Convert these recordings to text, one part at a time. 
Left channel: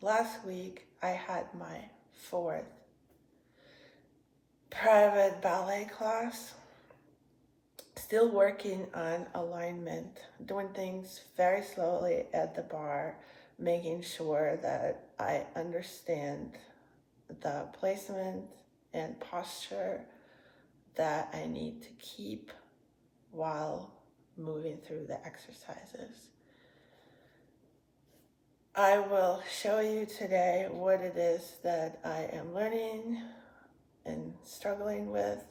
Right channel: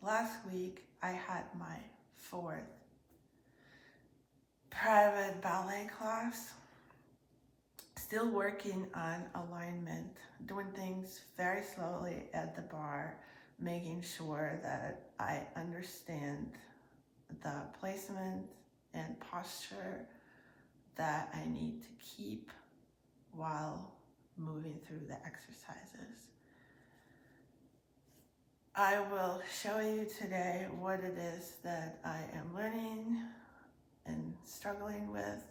last week I had my 4th private ballet class. Still working on alignment, doing things very slowly at the bar, making sure that I understand the placement and posture that I need to keep while moving through the exercises. I will show you today what it is that I am learning and struggling with.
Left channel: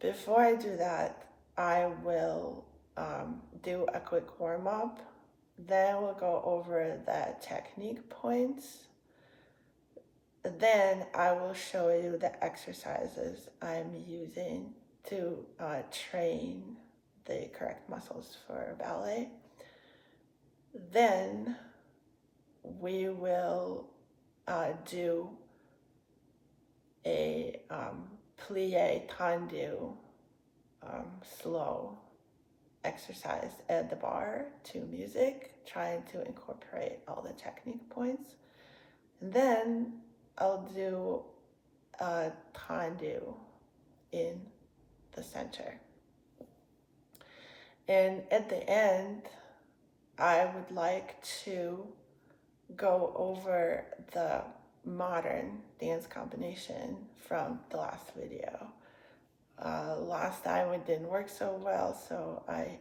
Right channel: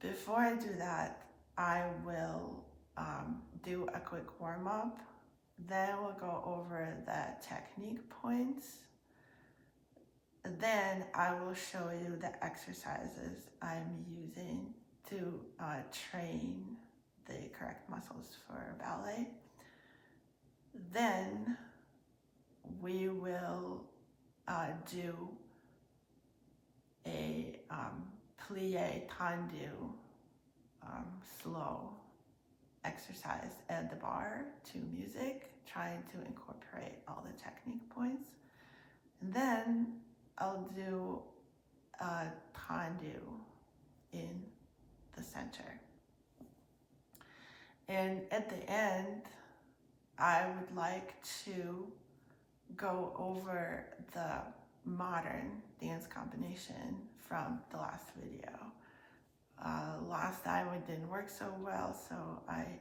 Before I do that, I will do a quick warm-up. Then we'll go over the technique points. Then I will show you the exercises I'm using to train the correct muscles for ballet. Then we will do a plie tendu slow exercise at the bar to music, trying to incorporate all the technique points. And then I'll do a tendu in the center. And at the end, I would like to go over the modern dance combination from the last video. Last time it didn't work so well, so I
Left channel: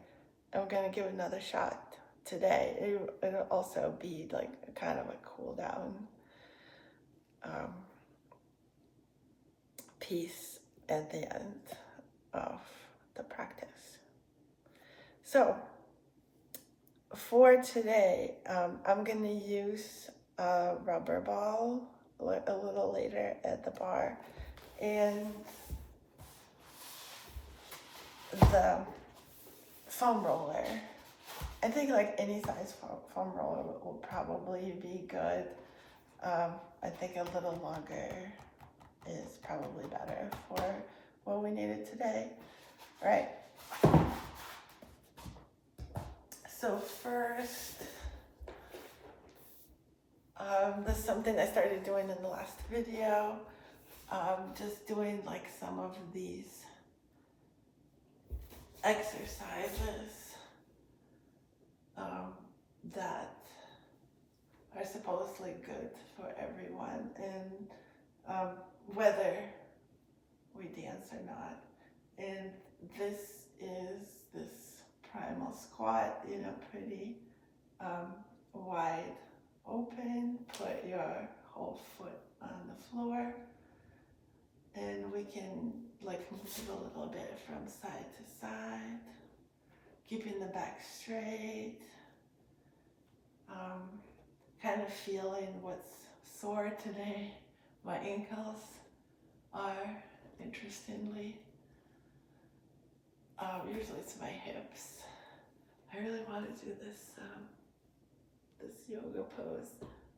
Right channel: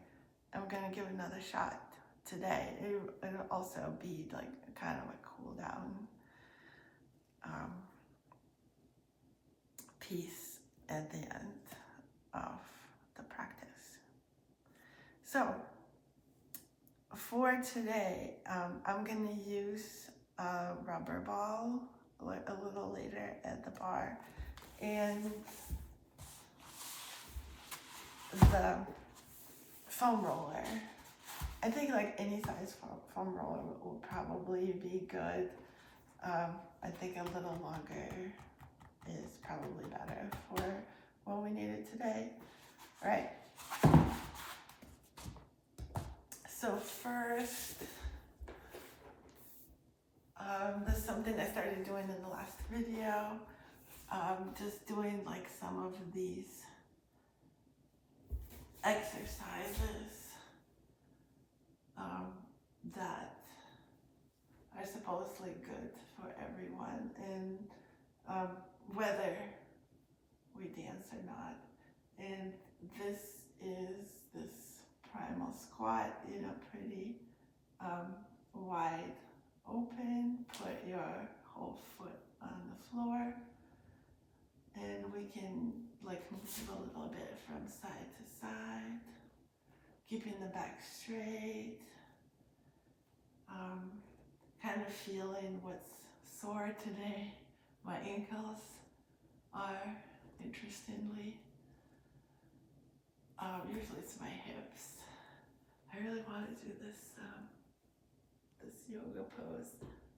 am gonna give another shot today. It'll also be like kind of a cool down piece at the end of the practice. So for today, I'm gonna use a rubber ball a little later at the bar, and the foam roller. I think like any size foam roller will probably be good. I think a little longer is probably better for what we needed today. All right. So first, this is something I started doing in the last video. Just doing like some of these exercises that are supposedly good for everyone, and whether we dance or not. And this is this primal squat, pretty wide open. Put your whole foot on the floor, and we can like move a little bit from side to side, keeping the back straight, kind of feeling what's sore today. My ankles are, interestingly, usually it's my hips. I really want to do this this yoga pose,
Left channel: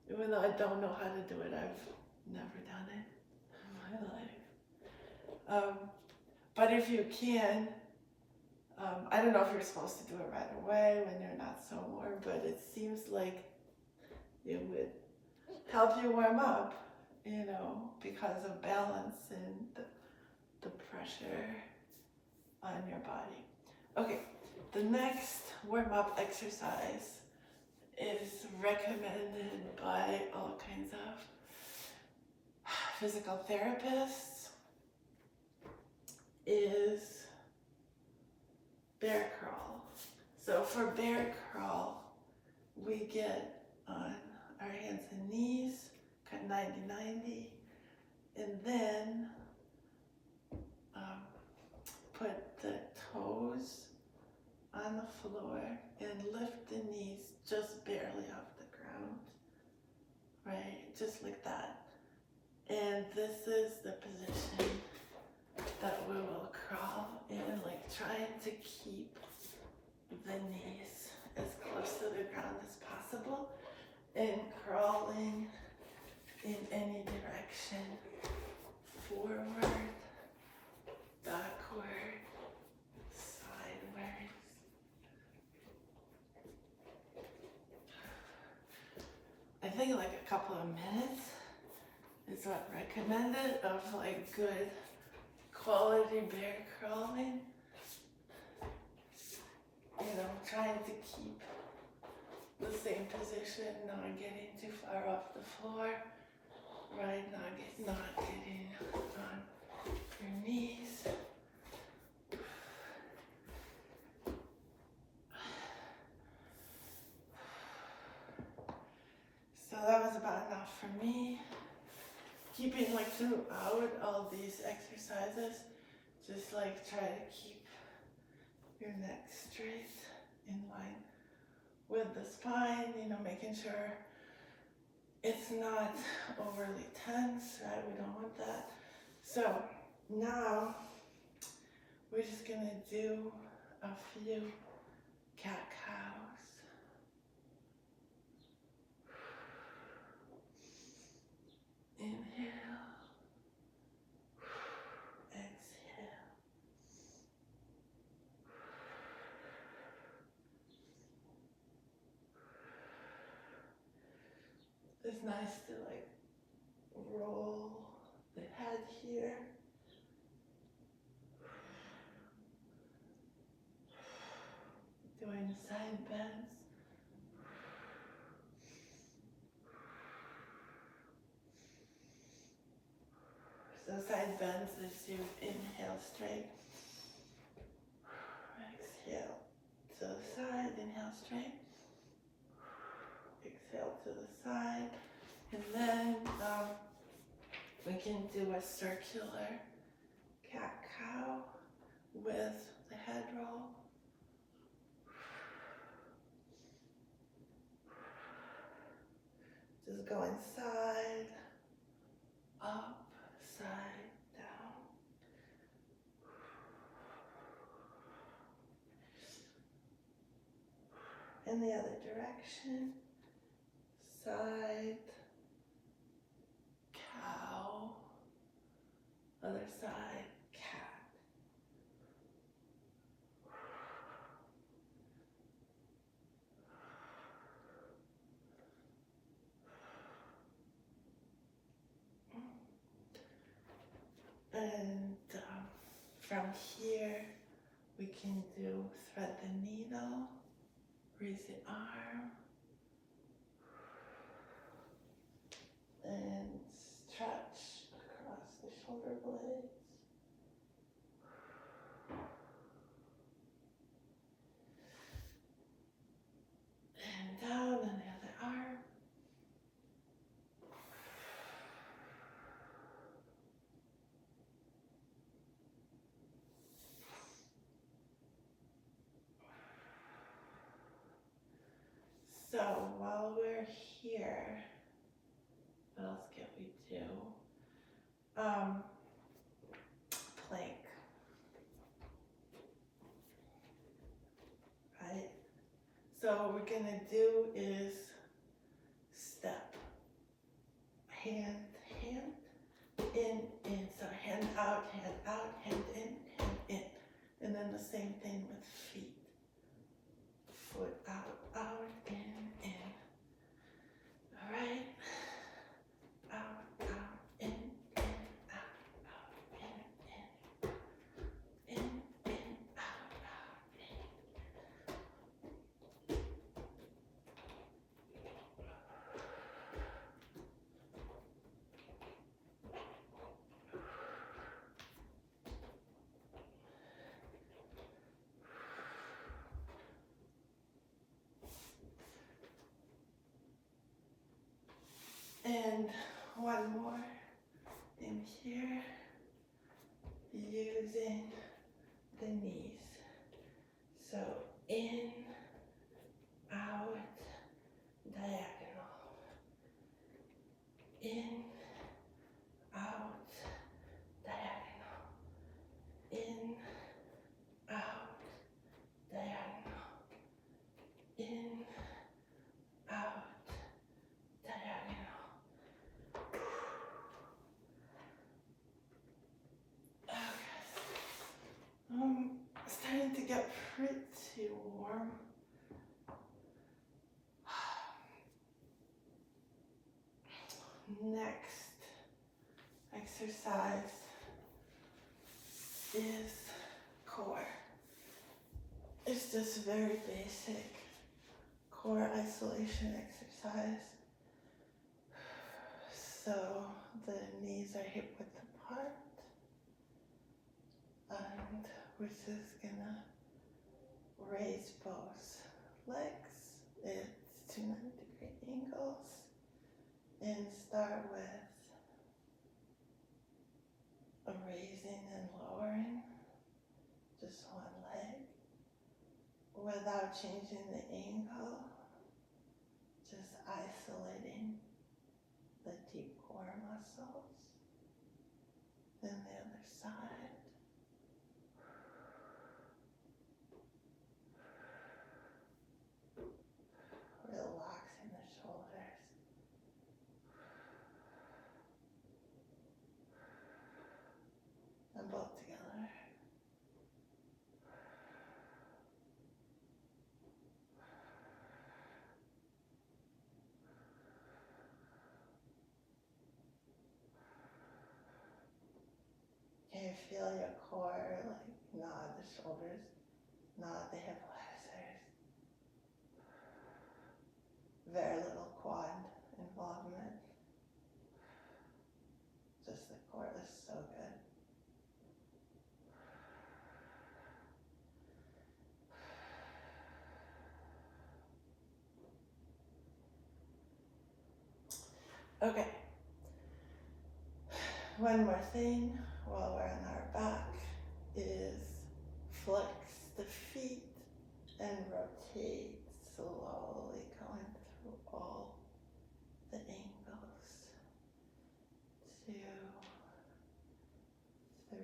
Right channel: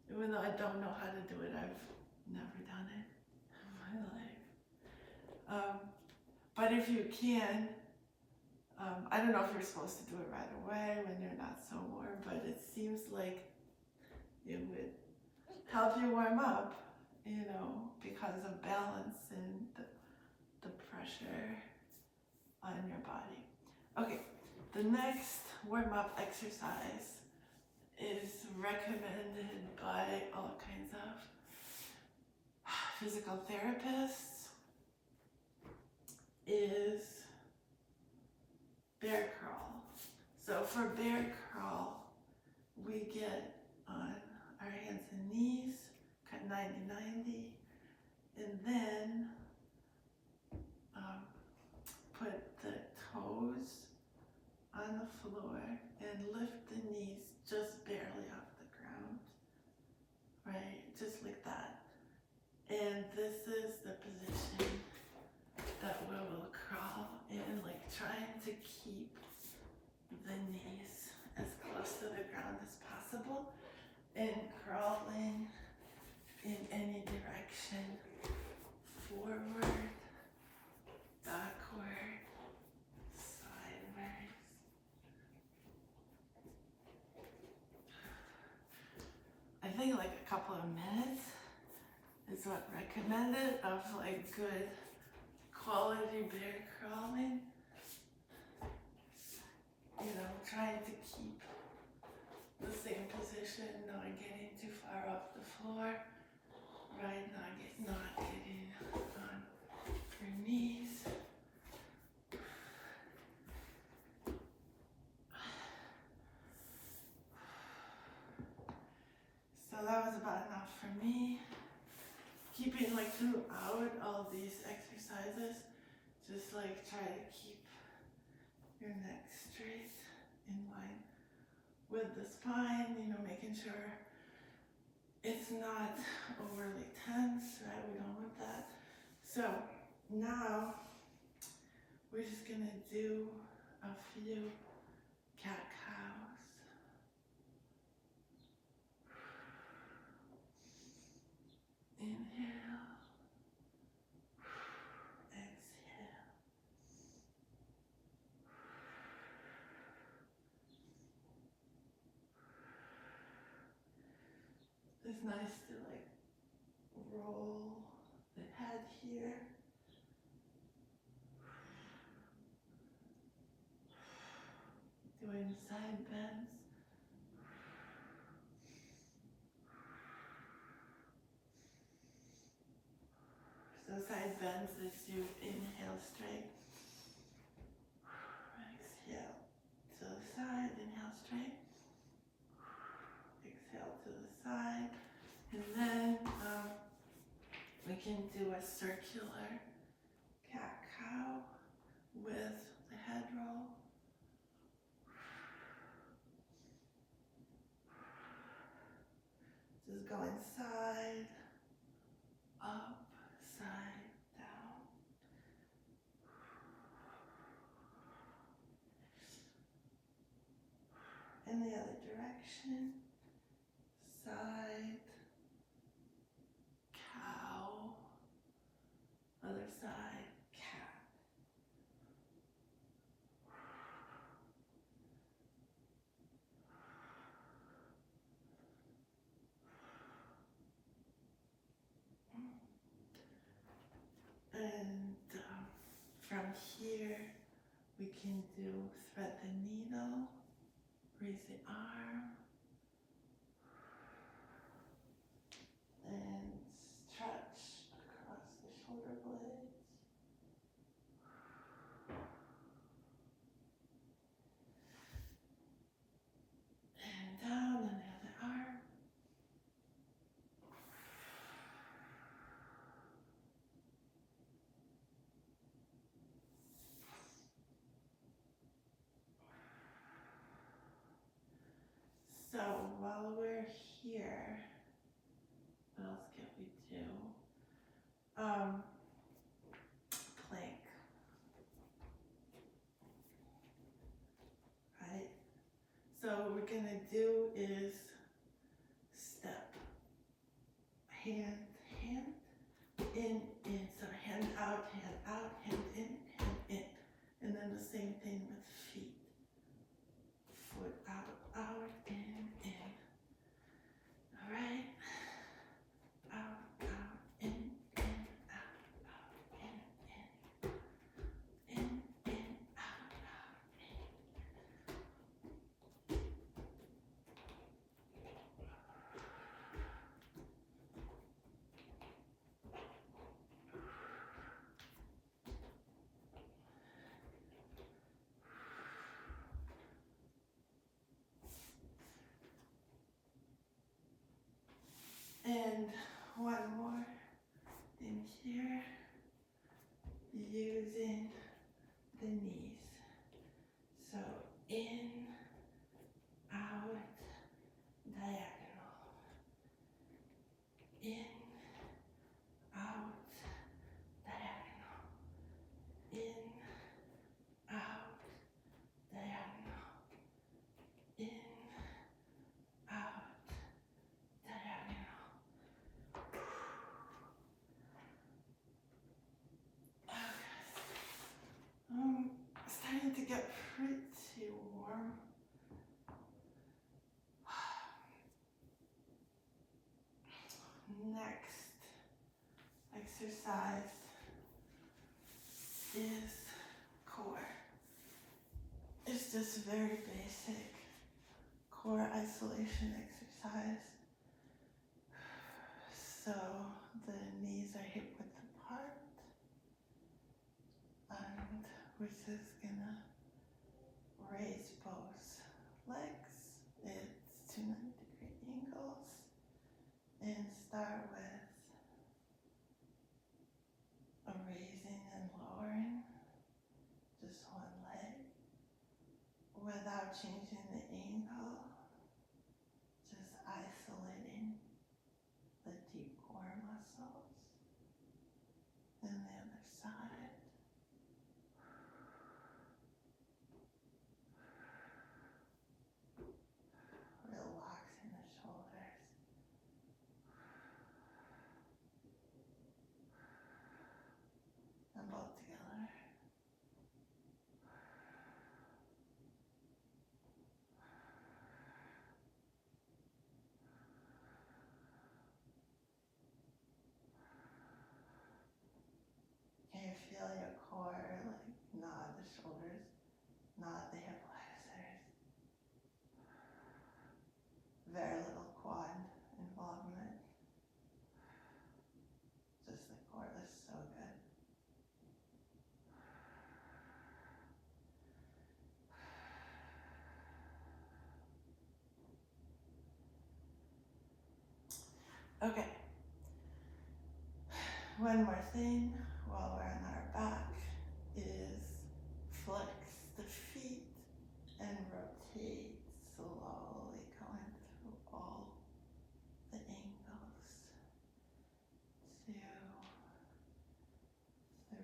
even though I don't know how to do it. I've never done it in my life. But if you can, I don't know if you're supposed to do it right away when you're not so warm, but it seems like it would help you warm up, because of balance and the pressure on your body. Okay, the next warm-up exercise is recommended by all kinds of physical therapists, is bear crawl. So for bear crawl, we get on our hands and knees, cut 90-90, and then put the toes on the floor and lift the knees just barely off the ground, right? Just like that. And this is the position that we will crawl in, like trying to keep the knees as close to the ground as possible, and crawling in any direction, forward, backward, sideways. I think like a couple of minutes is what recommended of like good quality bear crawling. You know, trying to keep the same position, not getting too far off the floor, right? Not getting on your knees. So that was about enough for me. Keeping like throughout all these exercises, just like try to keep your neck straight in line with the spine, you know, making sure it's not overly tense, right? We don't want that. So now we're just gonna do a few cat-cows. Inhale, exhale. It's nice to like roll the head here. Doing side bends. So side bends is you inhale straight. Exhale to the side, inhale straight. Exhale to the side. And then we can do a circular cat-cow with the head roll. Just going side, up, side, down. In the other direction, side, cow, other side, cat. And from here, we can do thread the needle, raise the arm, and stretch across the shoulder blades. And down on the other arm. So while we're here, what else can we do? Plank. Right? So what we're gonna do is step. Hand, hand, in. So hand out, hand in. And then the same thing with feet. Foot out, in. All right? Out, in, out, in, out, in. And one more in here, using the knees. So in, out, diagonal. In, out, diagonal. In, out, diagonal. In, out, diagonal. Starting to get pretty warm. next exercise is core. It's just very basic core isolation exercise. So the knees are hip width apart, and we're just gonna raise both legs. It's 290-degree angles, and start with a raising and lowering, just one leg, without changing the angle, just isolating the deep core muscles. Then the other side. Relaxing the shoulders. And both together. Can you feel your core, like nod the shoulders, nod the hip flexors? Very little quad involvement. Just the core is so good. Okay. One more thing while we're on our back is flex the feet and rotate slowly, going through all the angles. 2, 3,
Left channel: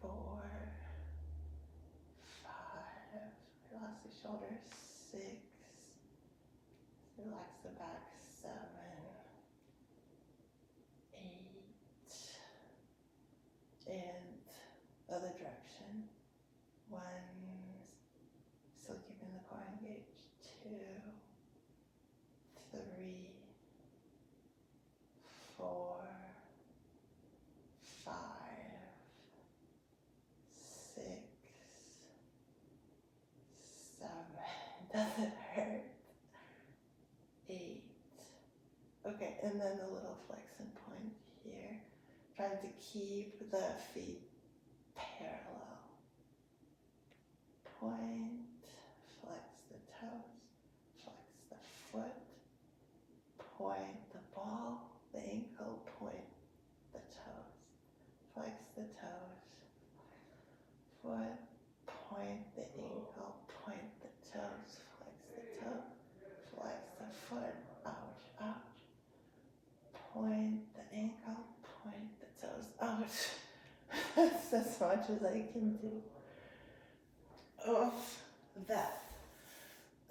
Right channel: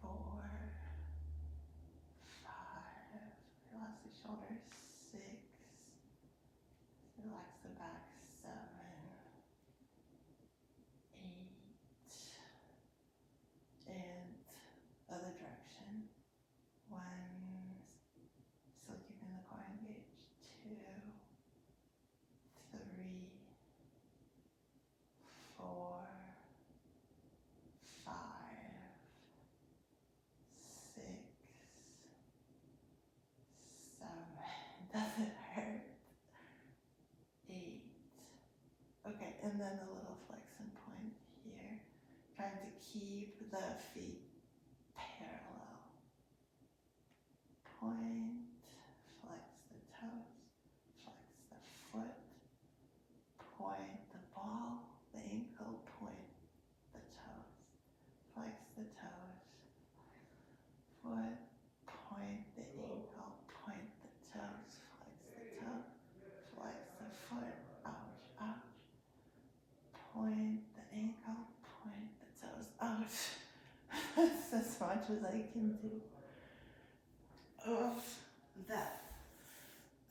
4, 5. Relax the shoulders. 6. Relax the back. 7, 8, and other direction. 1, still keeping the core engaged. 2, 3, 4, 5, 6, 7. Doesn't hurt. 8. Okay, and then a little flex and point here. Trying to keep the feet parallel. Point, flex the toes, flex the foot, point the ball, the ankle, point the toes. Flex the toes, foot, point the ankle, point the toes, flex the toe, flex the foot, ouch, ouch. Point the ankle, point the toes, ouch. That's as much as I can do of that.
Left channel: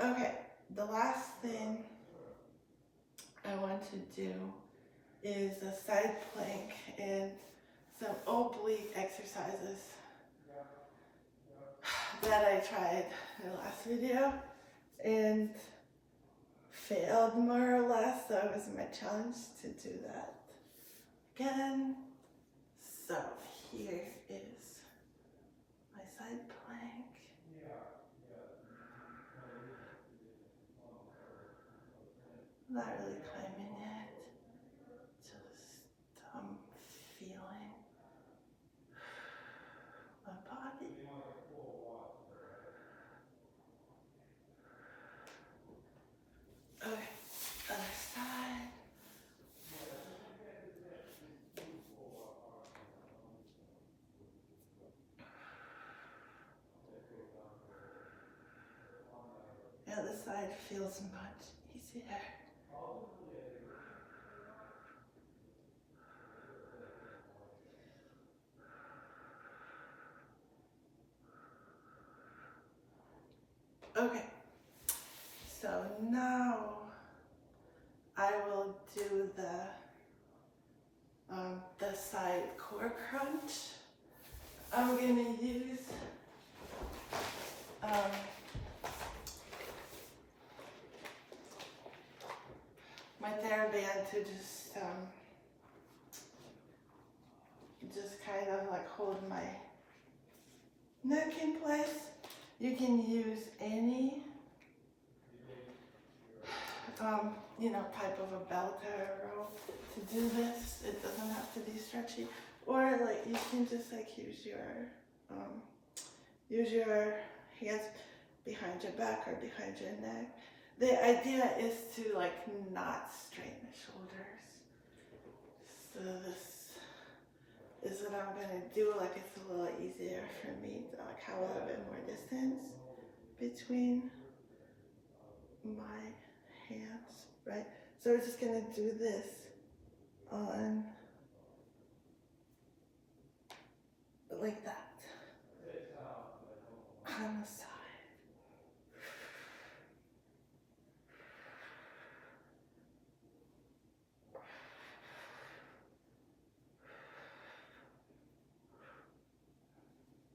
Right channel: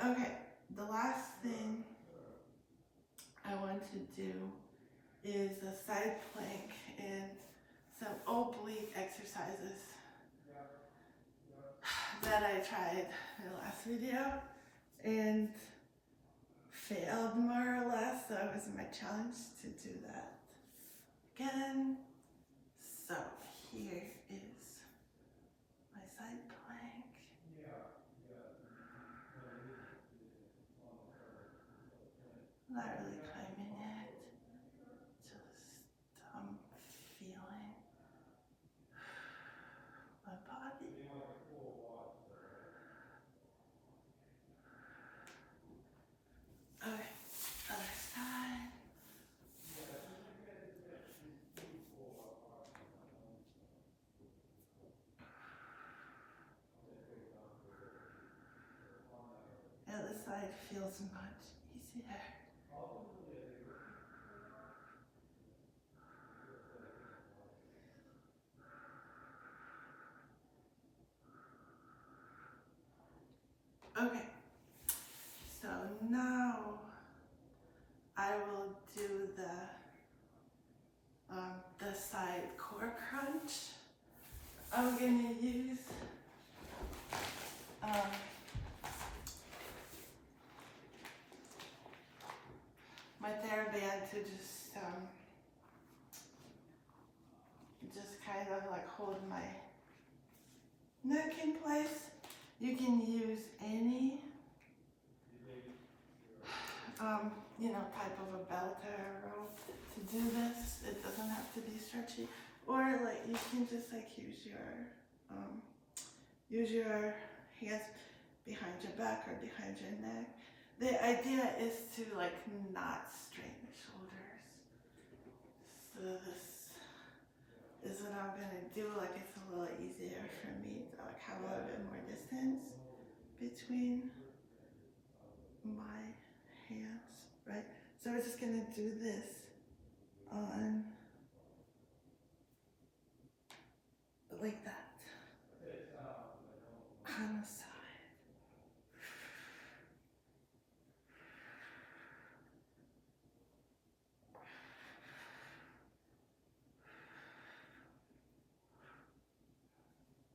Okay, the last thing I want to do is a side plank and some oblique exercises that I tried in the last video and failed more or less, so it was my challenge to do that again. So here is my side plank. Not really climbing it, just feeling my body. Okay, other side. The other side feels much easier. Okay, so now I will do the side core crunch. I'm gonna use my band to just kind of like hold my neck in place. You can use any type of a belt or a rope to do this. It doesn't have to be stretchy. Or like you can just like use your hands behind your back or behind your neck. The idea is to like not strain the shoulders. So this is what I'm gonna do. Like it's a little easier for me to like have a little bit more distance between my hands, right? So we're just gonna do this on like that on the side.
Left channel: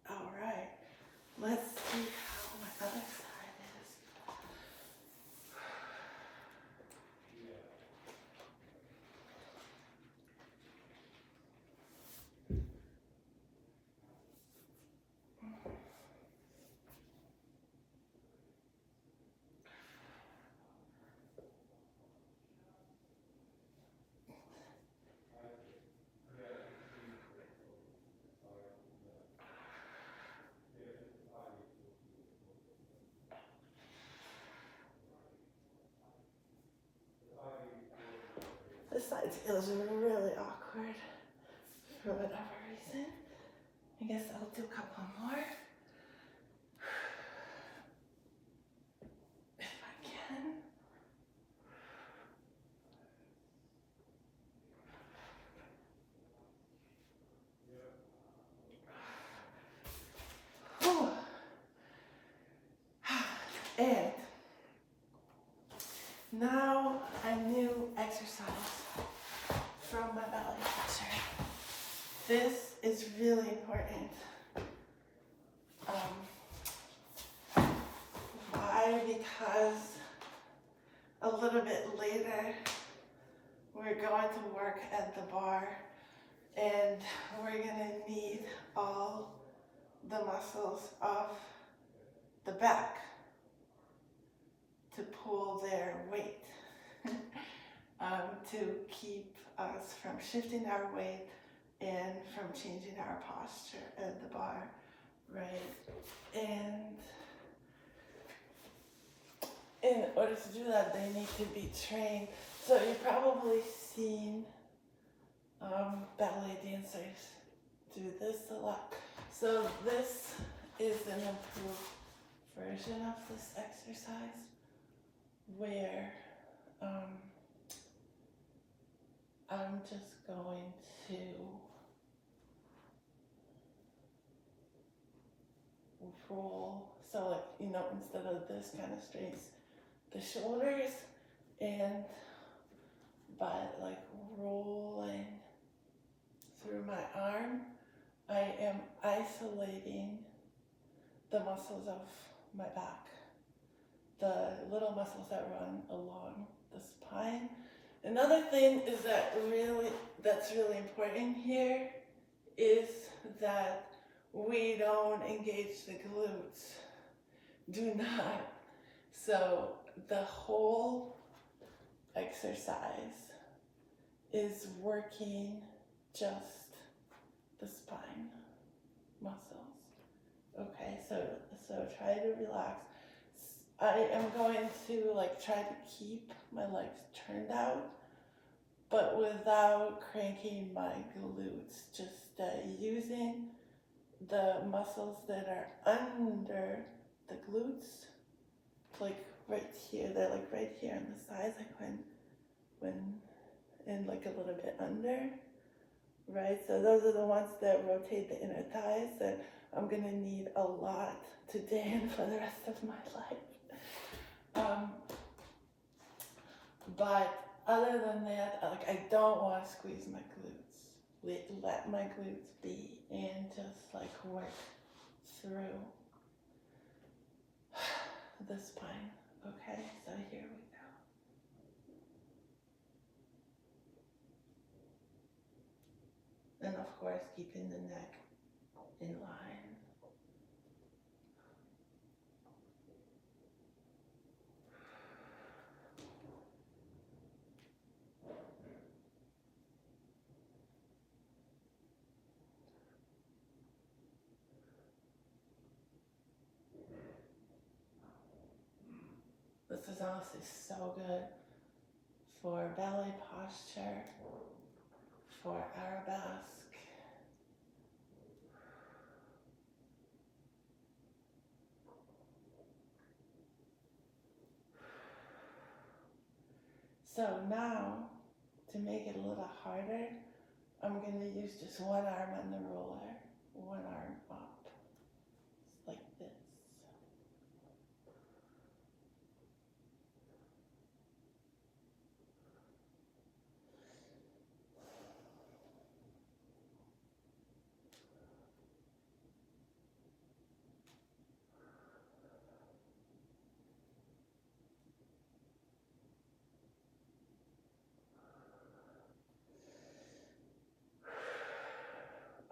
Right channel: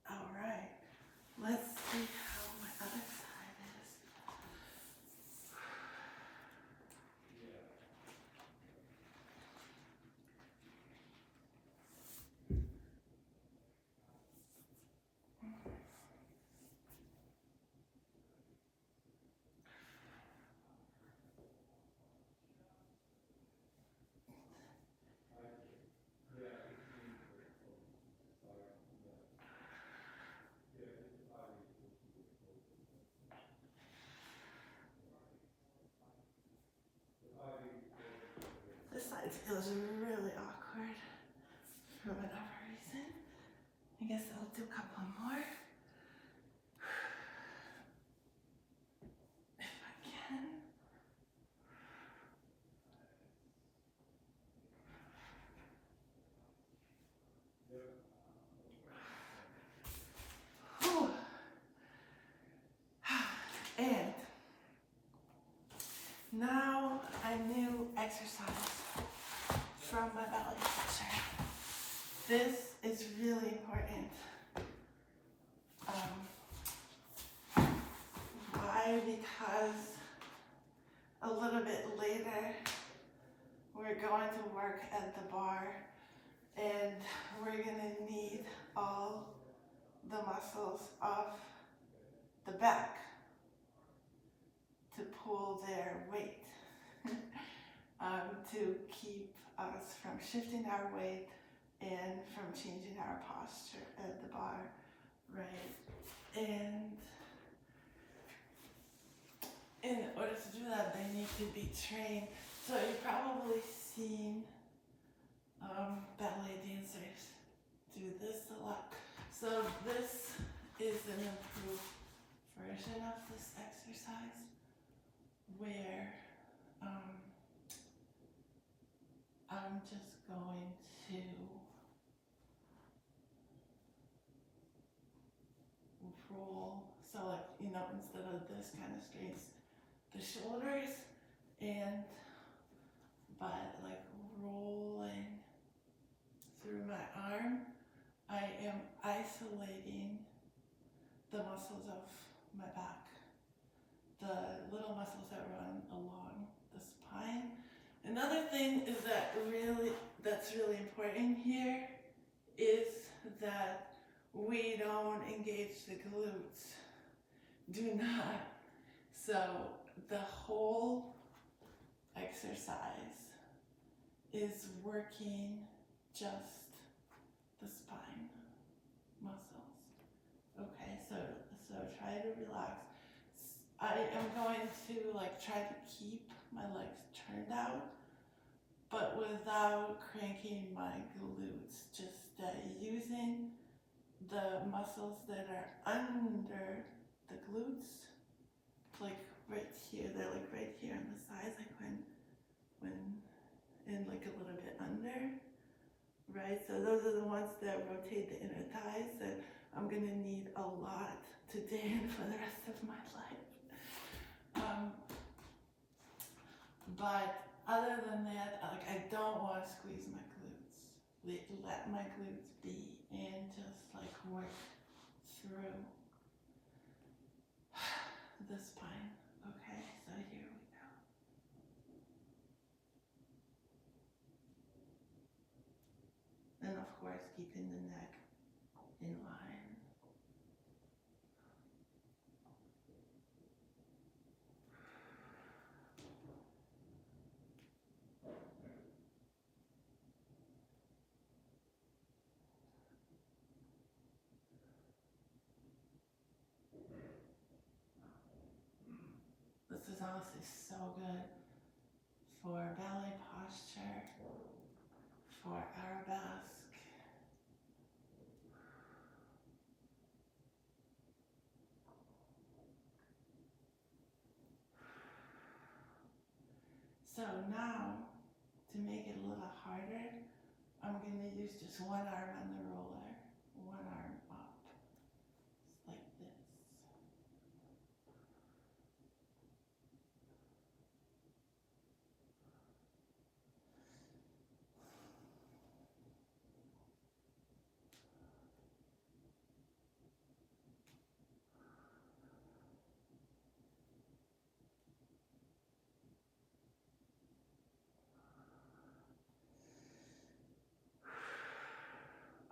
All right, let's see how my other side is. This side feels really awkward for whatever reason. I guess I'll do a couple more. If I can. Whew. And now a new exercise from my ballet teacher. This is really important. Why? Because a little bit later we're going to work at the bar and we're gonna need all the muscles of the back to pull their weight to keep us from shifting our weight and from changing our posture at the bar, right? And in order to do that, they need to be trained. So you've probably seen ballet dancers do this a lot. So this is an improved version of this exercise where I'm just going to roll. So like, instead of this kind of strains the shoulders, and by like rolling through my arm, I am isolating the muscles of my back, the little muscles that run along the spine. Another thing is that's really important here is that we don't engage the glutes. Do not. So the whole exercise is working just the spine muscles. Okay, so try to relax. I am going to like try to keep my legs turned out, but without cranking my glutes, just using the muscles that are under the glutes, like right here. They're like right here on the sides, like when and like a little bit under, right? So those are the ones that rotate the inner thighs that I'm gonna need a lot today and for the rest of my life. But other than that, like I don't want to squeeze my glutes. Let my glutes be and just like work through the spine. Okay, so here we go. course, keeping the neck in line. This is honestly so good for ballet posture, for arabesque. So now, to make it a little harder, I'm going to use just one arm on the roller, one arm up, just like this.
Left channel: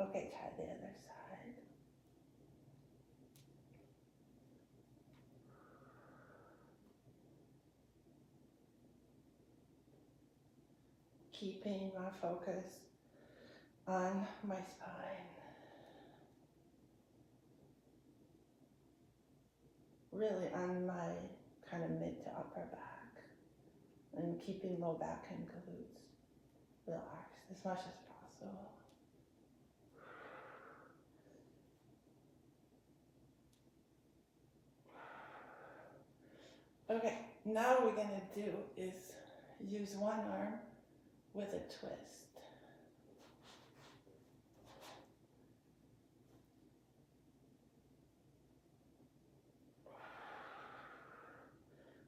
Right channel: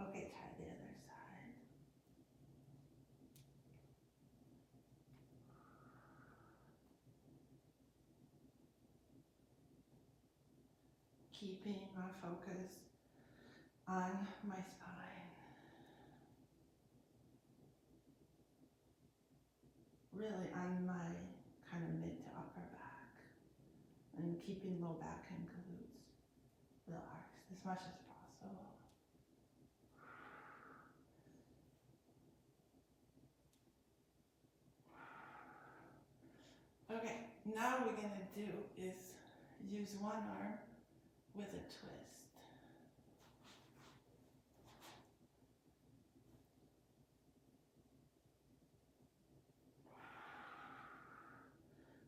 Okay, try the other side. Keeping my focus on my spine. Really on my kind of mid to upper back. And keeping low back and glutes relaxed as much as possible. Okay, now what we're gonna do is use one arm with a twist.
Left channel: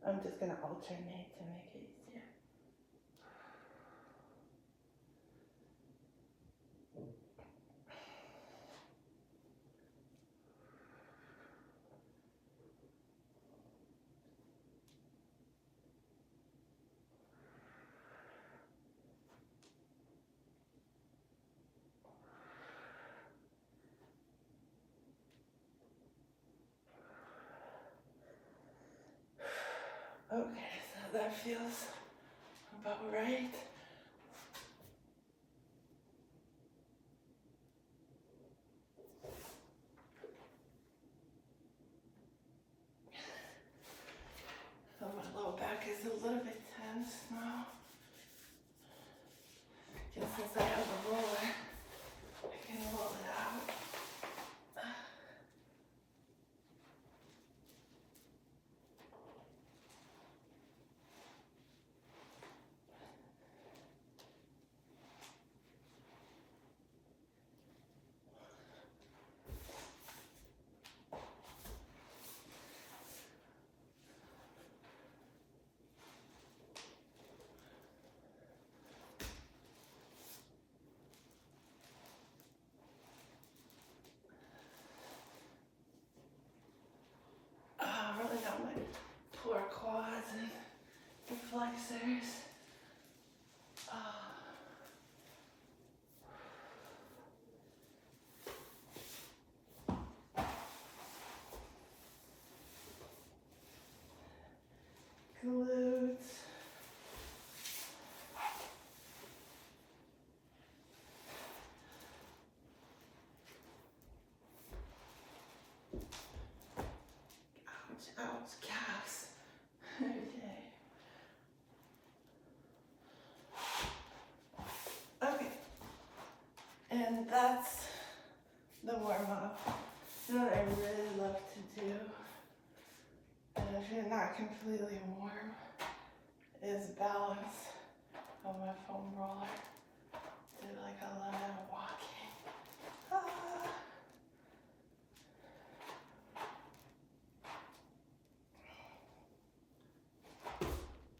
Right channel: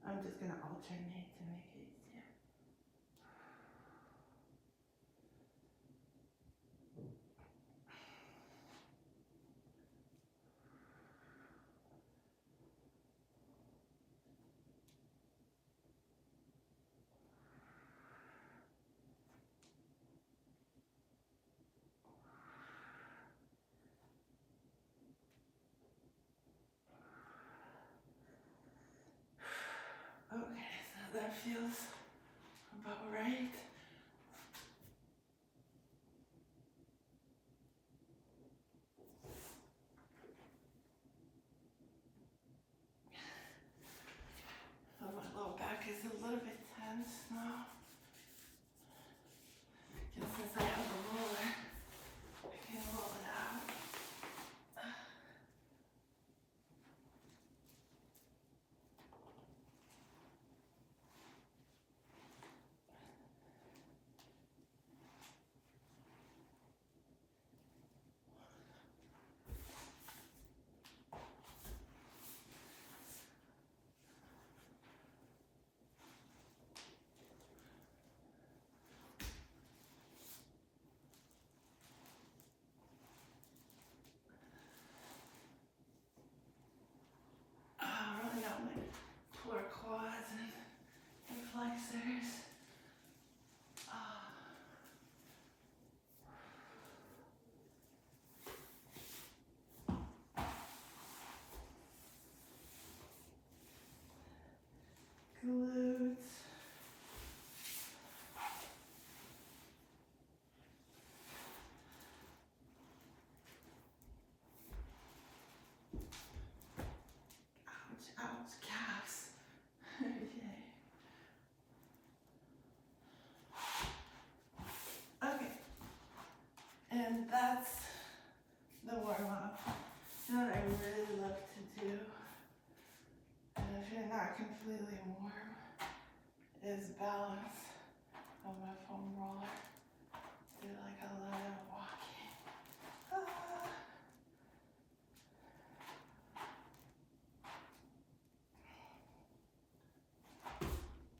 I'm just gonna alternate to make it easier. Okay, so that feels about right. So my low back is a little bit tense now. Just since I have a roller, I can roll it out. Rolling out my poor quads and the flexors. Glutes. Ouch, calves. Okay. And that's the warm up. You know what I really love to do, and if you're not completely warm, is balance on my foam roller. Do like a lot of walking.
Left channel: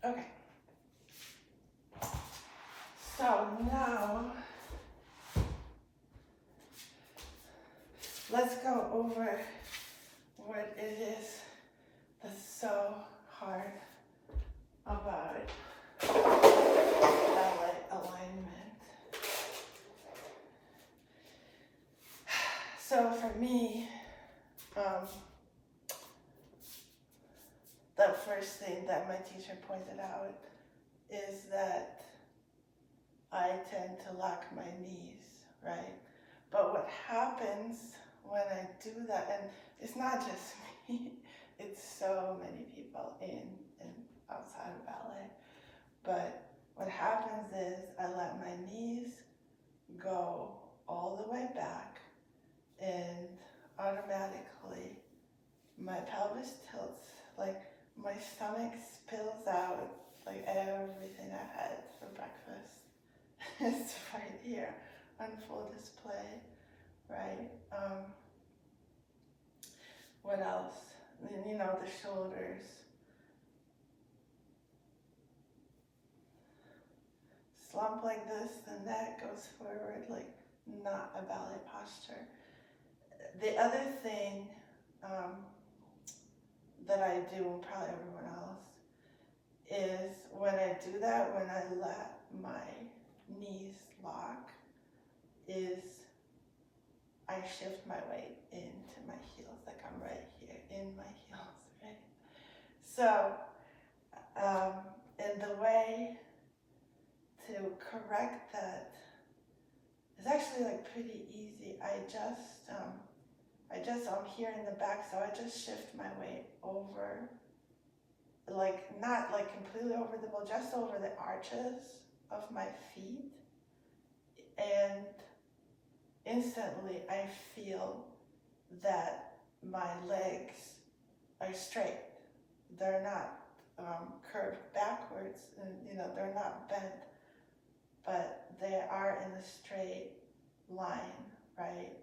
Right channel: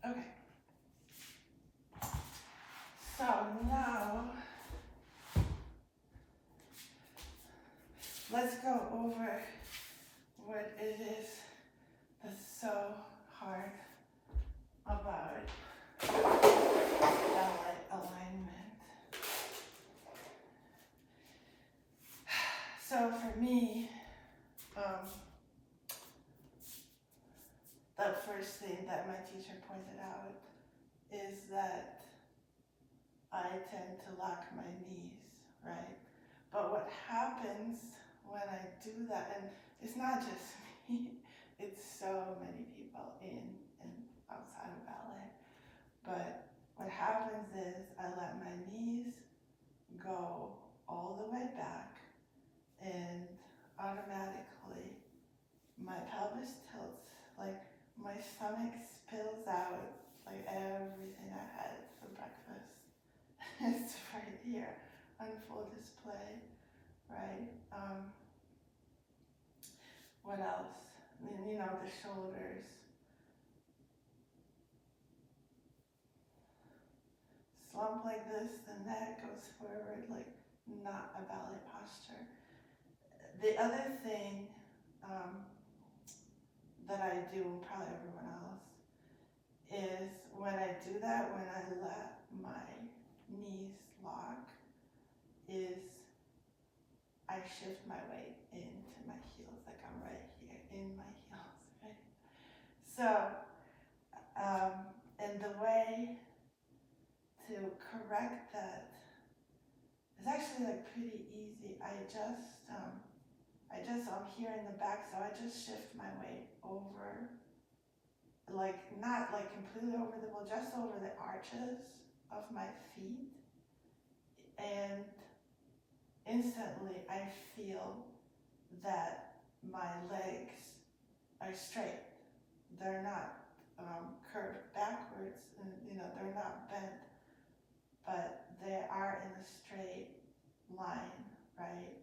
Okay. So now, let's go over what it is that's so hard about ballet alignment. first thing that my teacher pointed out is that I tend to lock my knees, right? But what happens when I do that, and it's not just me, it's so many people in and outside of ballet, but what happens is I let my knees go all the way back, and automatically my pelvis tilts, like my stomach spills out, like everything I had for breakfast. It's right here on full display, right? What else? You know, the shoulders. Slump like this, the neck goes forward, like not a ballet posture. The other thing that I do, and probably everyone else, is when I do that, when I let my knees lock, is I shift my weight into my heels, like I'm right here in my heels, right? So, and the way to correct that is actually like pretty easy. I'm here in the back, so I just shift my weight over, like not like completely over the ball, just over the arches of my feet, and instantly I feel that my legs are straight. They're not curved backwards, and they're not bent, but they are in a straight line, right?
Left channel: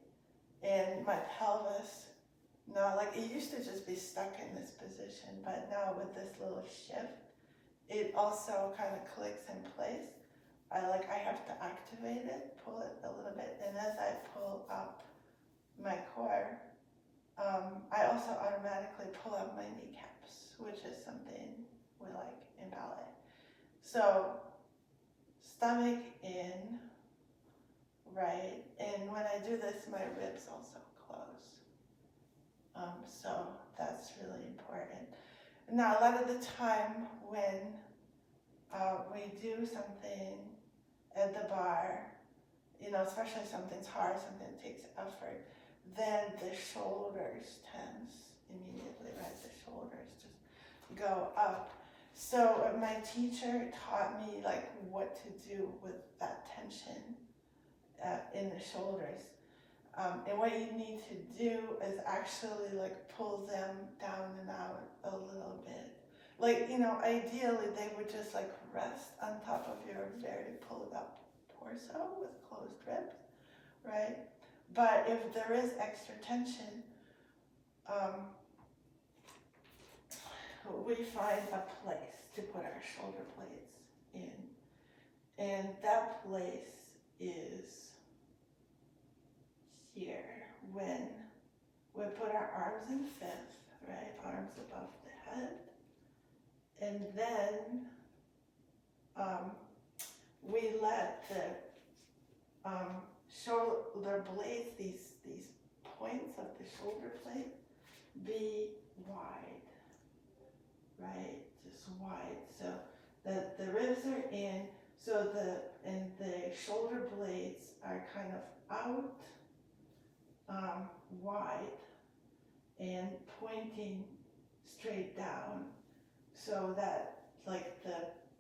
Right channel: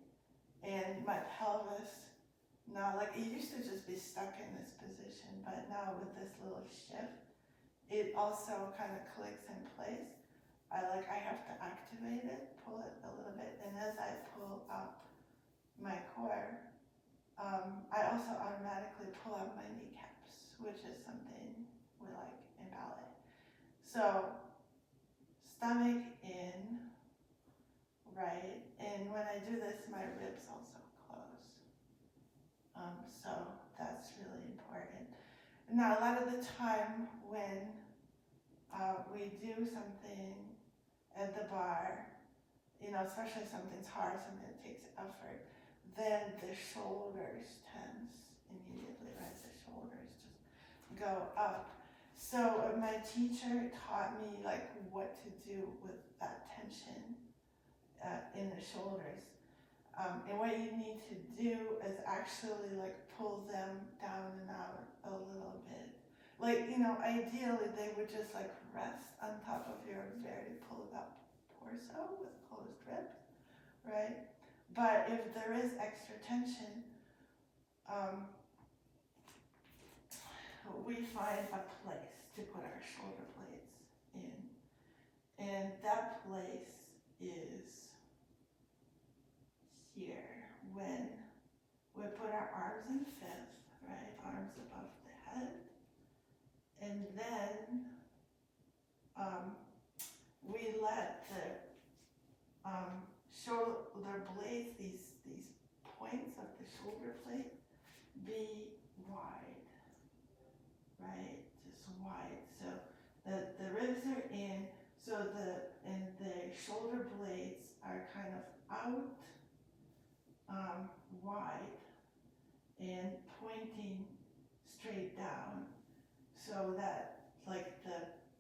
And my pelvis, now, like it used to just be stuck in this position, but now with this little shift, it also kind of clicks in place. I have to activate it, pull it a little bit, and as I pull up my core, I also automatically pull up my kneecaps, which is something we like in ballet. So, stomach in, right, and when I do this, my ribs also close. So that's really important. Now, a lot of the time when we do something at the barre, especially something's hard, something that takes effort, then the shoulders tense immediately, right? The shoulders just go up. So my teacher taught me like what to do with that tension in the shoulders. And what you need to do is actually like pull them down and out a little bit. Like, ideally they would just like rest on top of your very pulled up torso with closed ribs, right? But if there is extra tension, we find a place to put our shoulder blades in. And that place is here when we put our arms in fifth, right? Arms above the head. And then we let the shoulder blades, these points of the shoulder blade, be wide, right? Just wide. So that the ribs are in, so the shoulder blades are kind of out, wide, and pointing straight down, so that like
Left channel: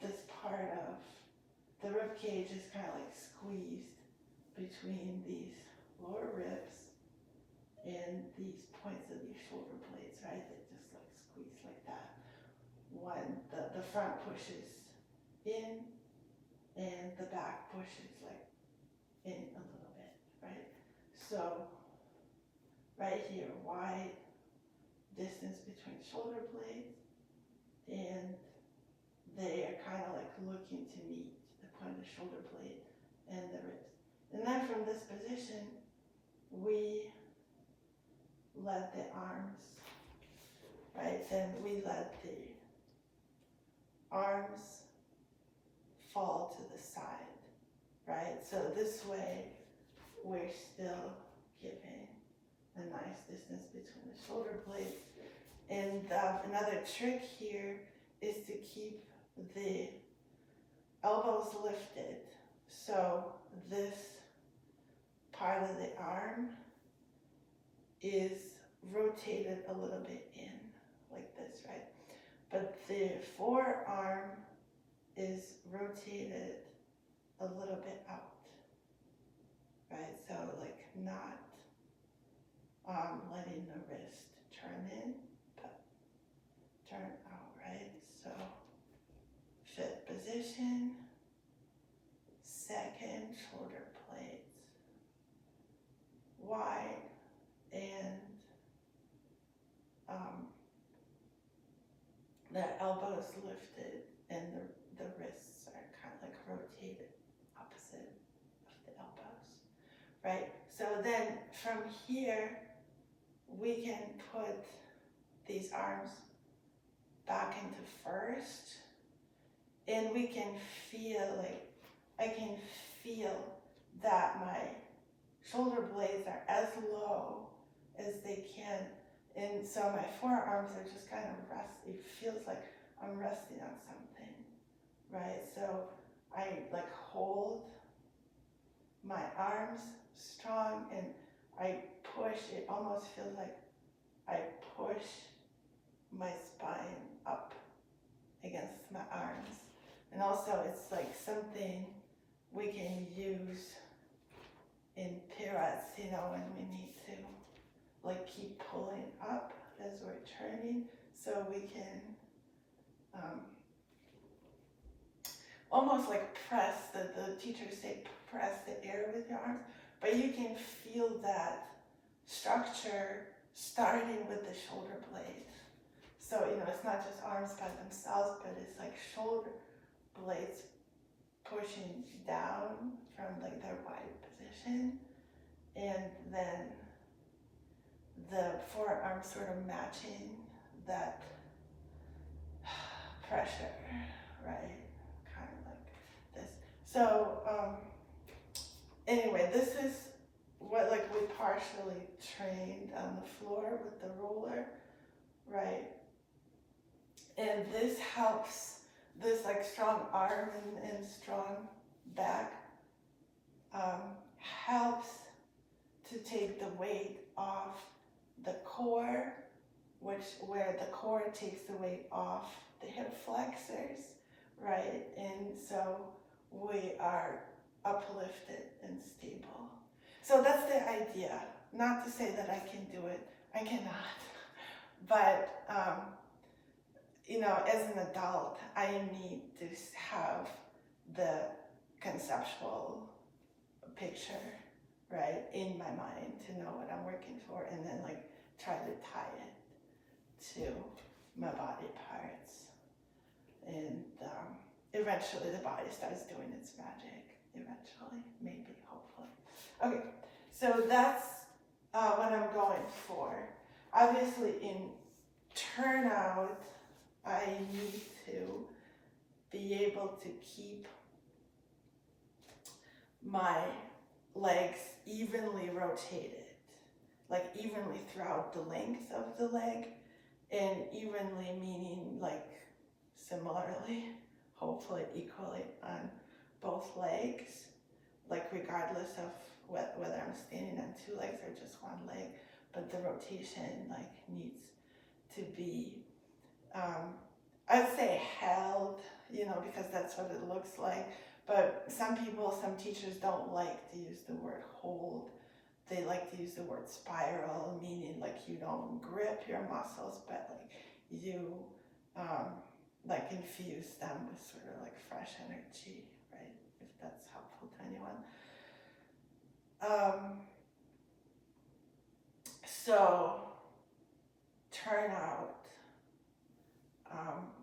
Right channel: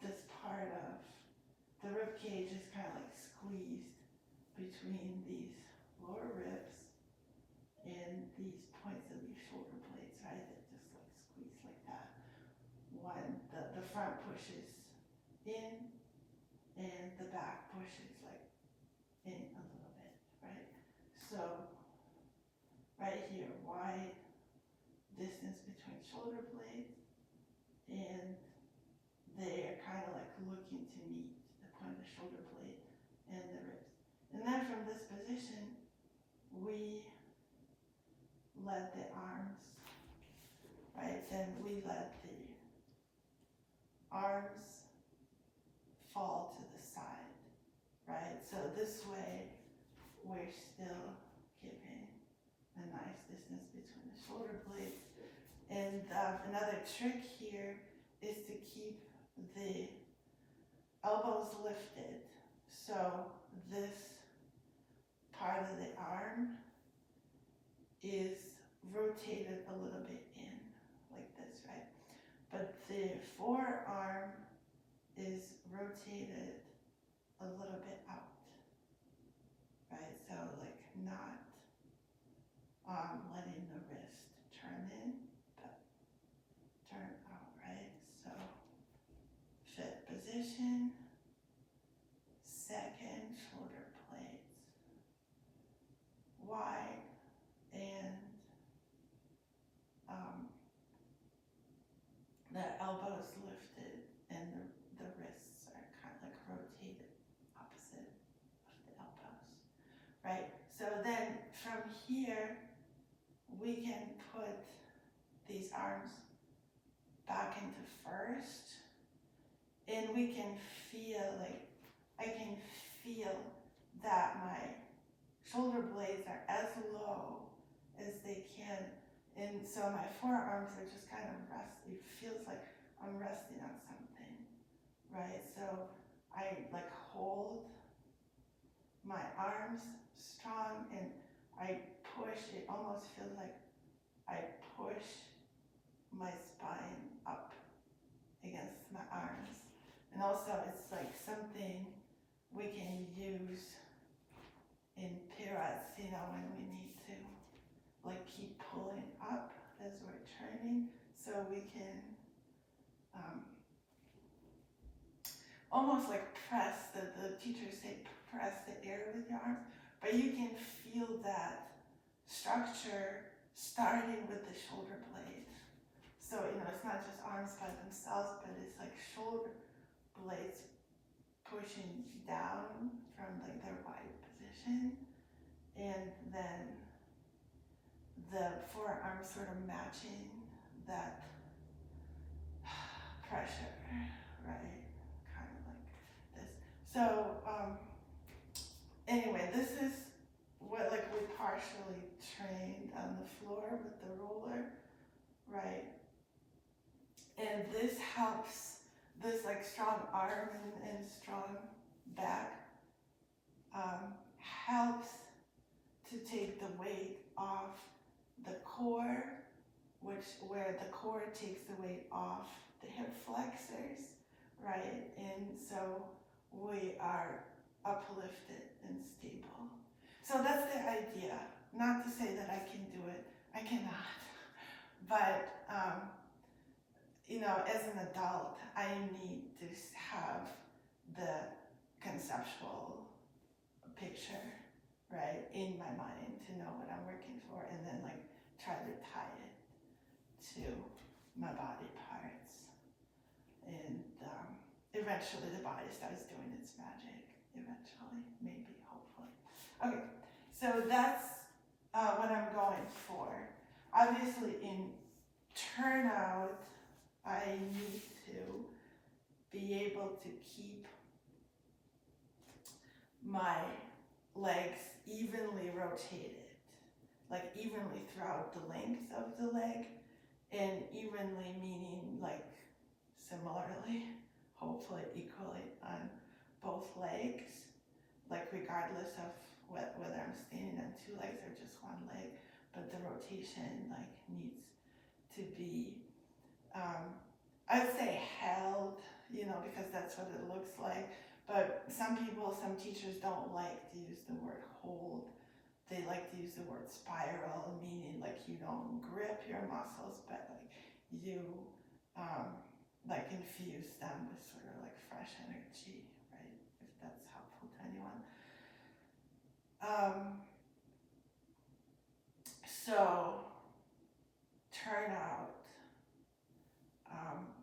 this part of the rib cage is kind of like squeezed between these lower ribs and these points of these shoulder blades, right? They just like squeeze like that. When the front pushes in and the back pushes like in a little bit, right? So right here, wide distance between shoulder blades, and they are kind of like looking to meet the point of the shoulder blade and the ribs. And then from this position, we let the arms, right? Then we let the arms fall to the side, right? So this way, we're still keeping a nice distance between the shoulder blades And another trick here is to keep the elbows lifted. So this part of the arm is rotated a little bit in, like this, right? But the forearm is rotated a little bit out, right? So like not letting the wrist turn in, but turn out, right? So fifth position, second, shoulder blades wide, and the elbows lifted, and the wrists are kind of like rotated opposite of the elbows, right? So then from here, we can put these arms back into first, and we can feel like, I can feel that my shoulder blades are as low as they can, and so my forearms are just kind of resting. It feels like I'm resting on something, right? So I like hold my arms strong, and I push. It almost feels like I push my spine up against my arms. And also it's like something we can use in pirouettes, you know, when we need to like keep pulling up as we're turning, so we can almost like press, the teachers say press the air with your arms, but you can feel that structure starting with the shoulder blades. So, you know, it's not just arms by themselves, but it's like shoulder blades pushing down from like their wide position, and then the forearm sort of matching that pressure, right? Kind of like this. So anyway, this is what like we partially trained on the floor with the roller, right? And this helps, this like strong arm and strong back helps to take the weight off the core, where the core takes the weight off the hip flexors, right? And so we are uplifted and stable. So that's the idea. Not to say that I can do it, I cannot. But you know, as an adult, I need to have the conceptual picture, right, in my mind to know what I'm working for, and then like try to tie it to my body parts. And eventually the body starts doing its magic, eventually, maybe, hopefully. Okay, so that's what I'm going for. Obviously in turnout, I need to be able to keep my legs evenly rotated, like evenly throughout the length of the leg, and evenly meaning like similarly, hopefully equally on both legs, like regardless of whether I'm standing on two legs or just one leg, but the rotation like needs to be, I'd say held, you know, because that's what it looks like. But some people, some teachers don't like to use the word hold. They like to use the word spiral, meaning like you don't grip your muscles, but like you like infuse them with sort of like fresh energy, right? If that's helpful to anyone. So turnout,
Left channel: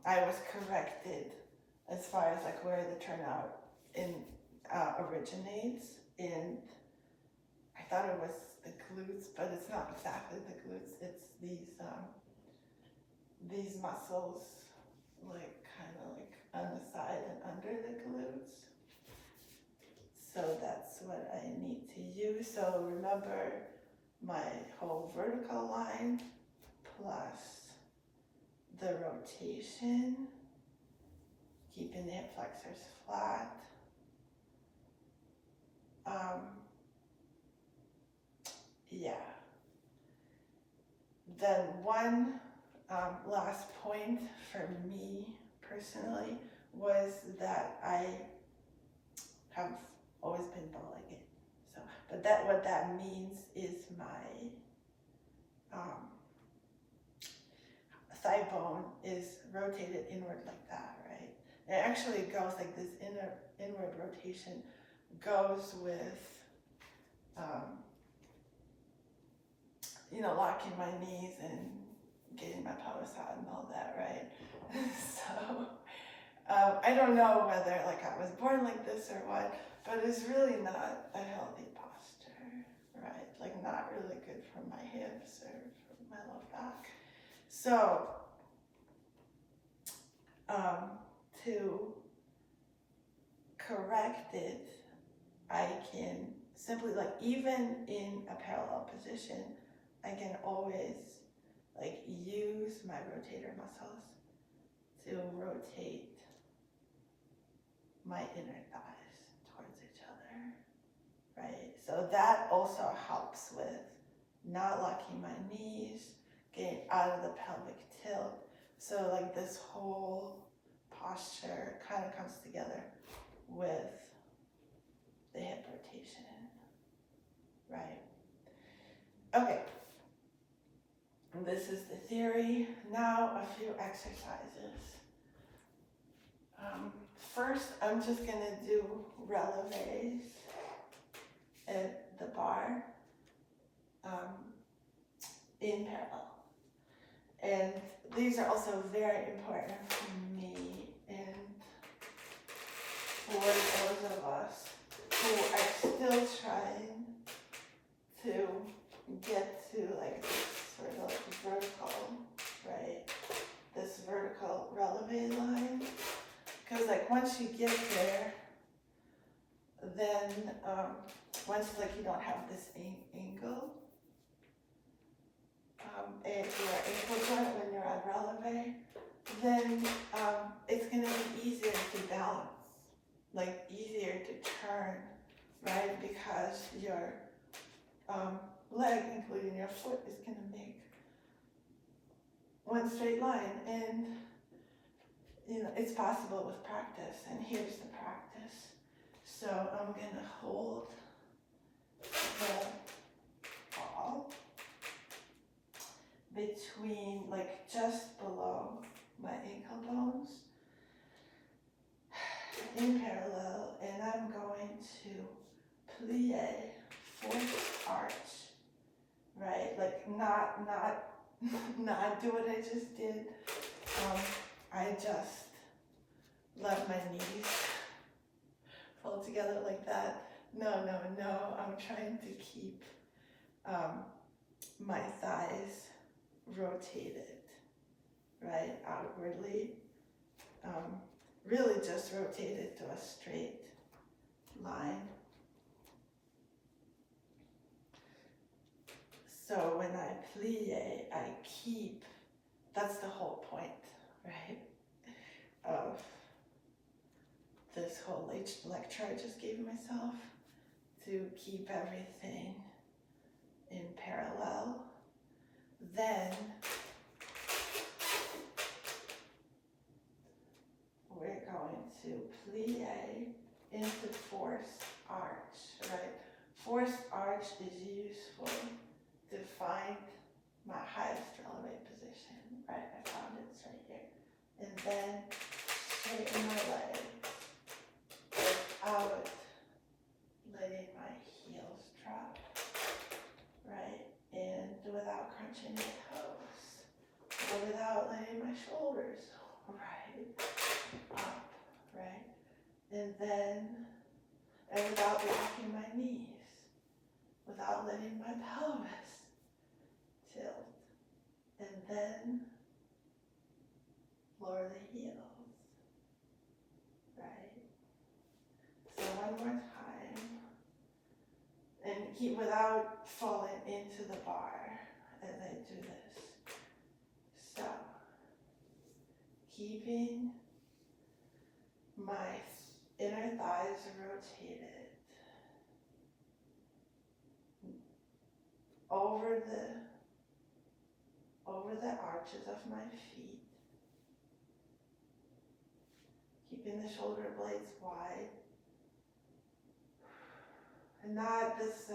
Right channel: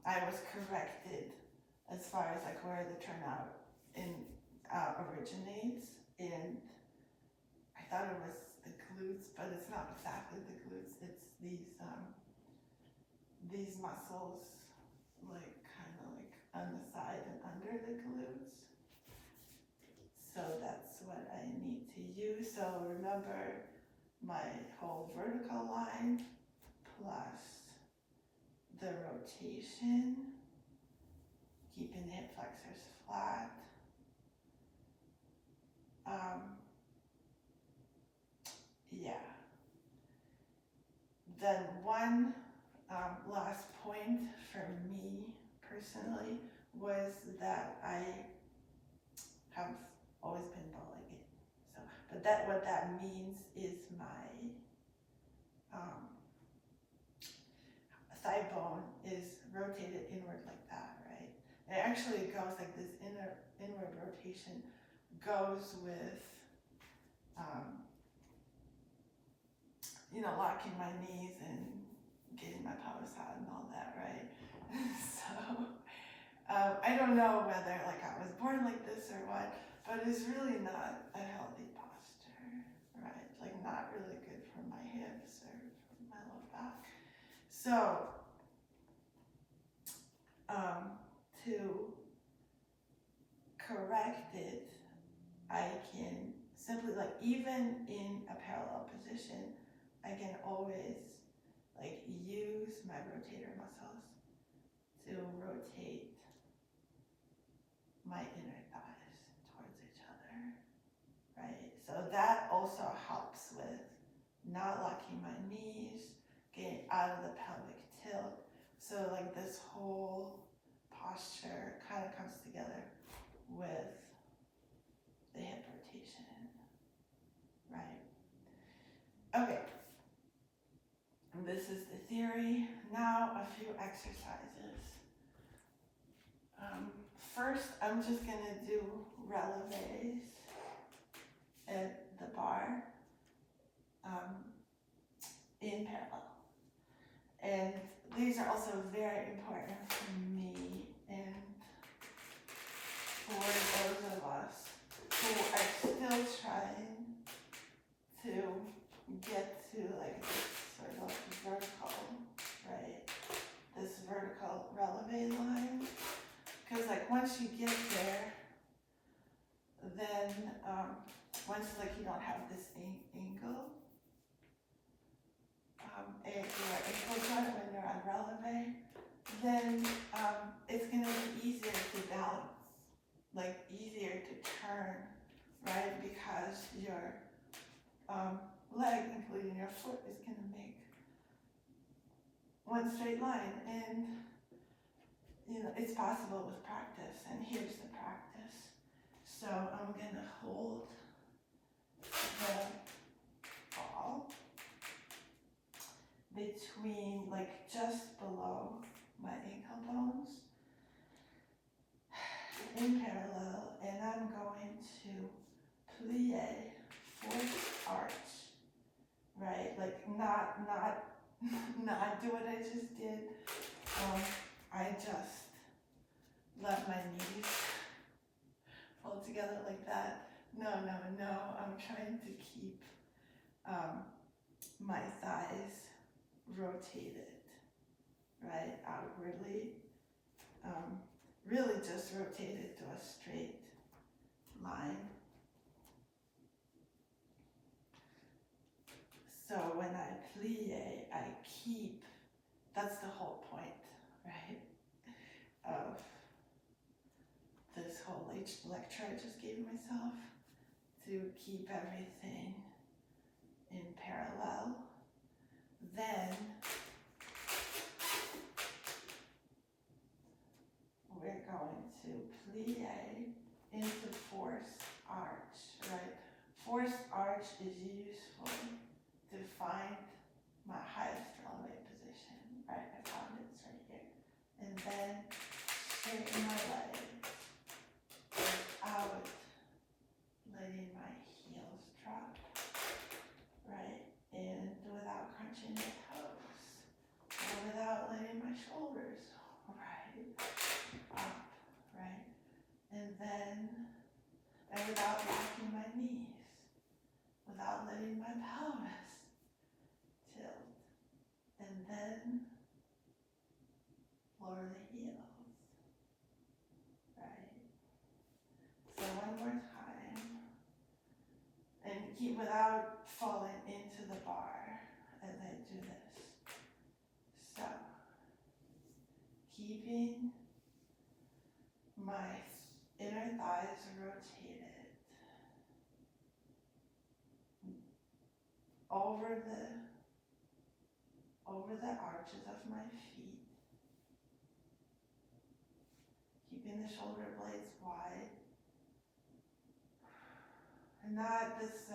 I was corrected as far as like where the turnout originates, and I thought it was the glutes, but it's not exactly the glutes. It's these muscles, like kind of like on the side and under the glutes. So that's what I need to use. So remember my whole vertical line plus the rotation, keeping the hip flexors flat. Yeah. Then one last point for me personally was that I have always been bow-legged. So, but that what that means is my thigh bone is rotated inward like that, right? It actually goes like this inward rotation goes with you know, locking my knees and getting my pelvis out and all that, right? So I don't know whether like I was born like this or what, but it's really not a healthy posture, right? Like not really good for my hips or for my lower back. So to correct it, I can simply like, even in a parallel position, I can always like use my rotator muscles to rotate my inner thighs towards each other, right? So that also helps with not locking my knees, getting out of the pelvic tilt. So like this whole posture kind of comes together with the hip rotation, right? Okay. This is the theory. Now a few exercises. First, I'm just gonna do releves at the bar in parallel. And these are also very important for me and for those of us who are still trying to get to like this sort of like vertical, right? This vertical relevé line. Because like once you get there, then once like you don't have this angle, at your ankle joint when you're at relevé, then it's gonna be easier to balance, like easier to turn, right? Because your leg, including your foot, is gonna make one straight line, and you know it's possible with practice. And here's the practice. So I'm gonna hold the ball between, like just below my ankle bones in parallel, and I'm going to plie, fourth arch, right? Like not do what I just did. I just let my knees fall together like that. No, I'm trying to keep my thighs rotated, right, outwardly. Really just rotated to a straight line. So when I plie, I keep, that's the whole point, right, of this whole lecture I just gave myself, to keep everything in parallel. Then we're going to plie into forced arch, right? Forced arch is useful to find my highest relevé position, right? I found it, it's right here. And then straighten my legs without letting my heels drop, right? And without crunching my toes, or without letting my shoulders right up, right? And without locking my knees, without letting my pelvis tilt, and then lower the heels, right? So one more time, and keep without falling into the bar as I do this. So keeping my inner thighs rotated over the arches of my feet, keeping the shoulder blades wide, and not this,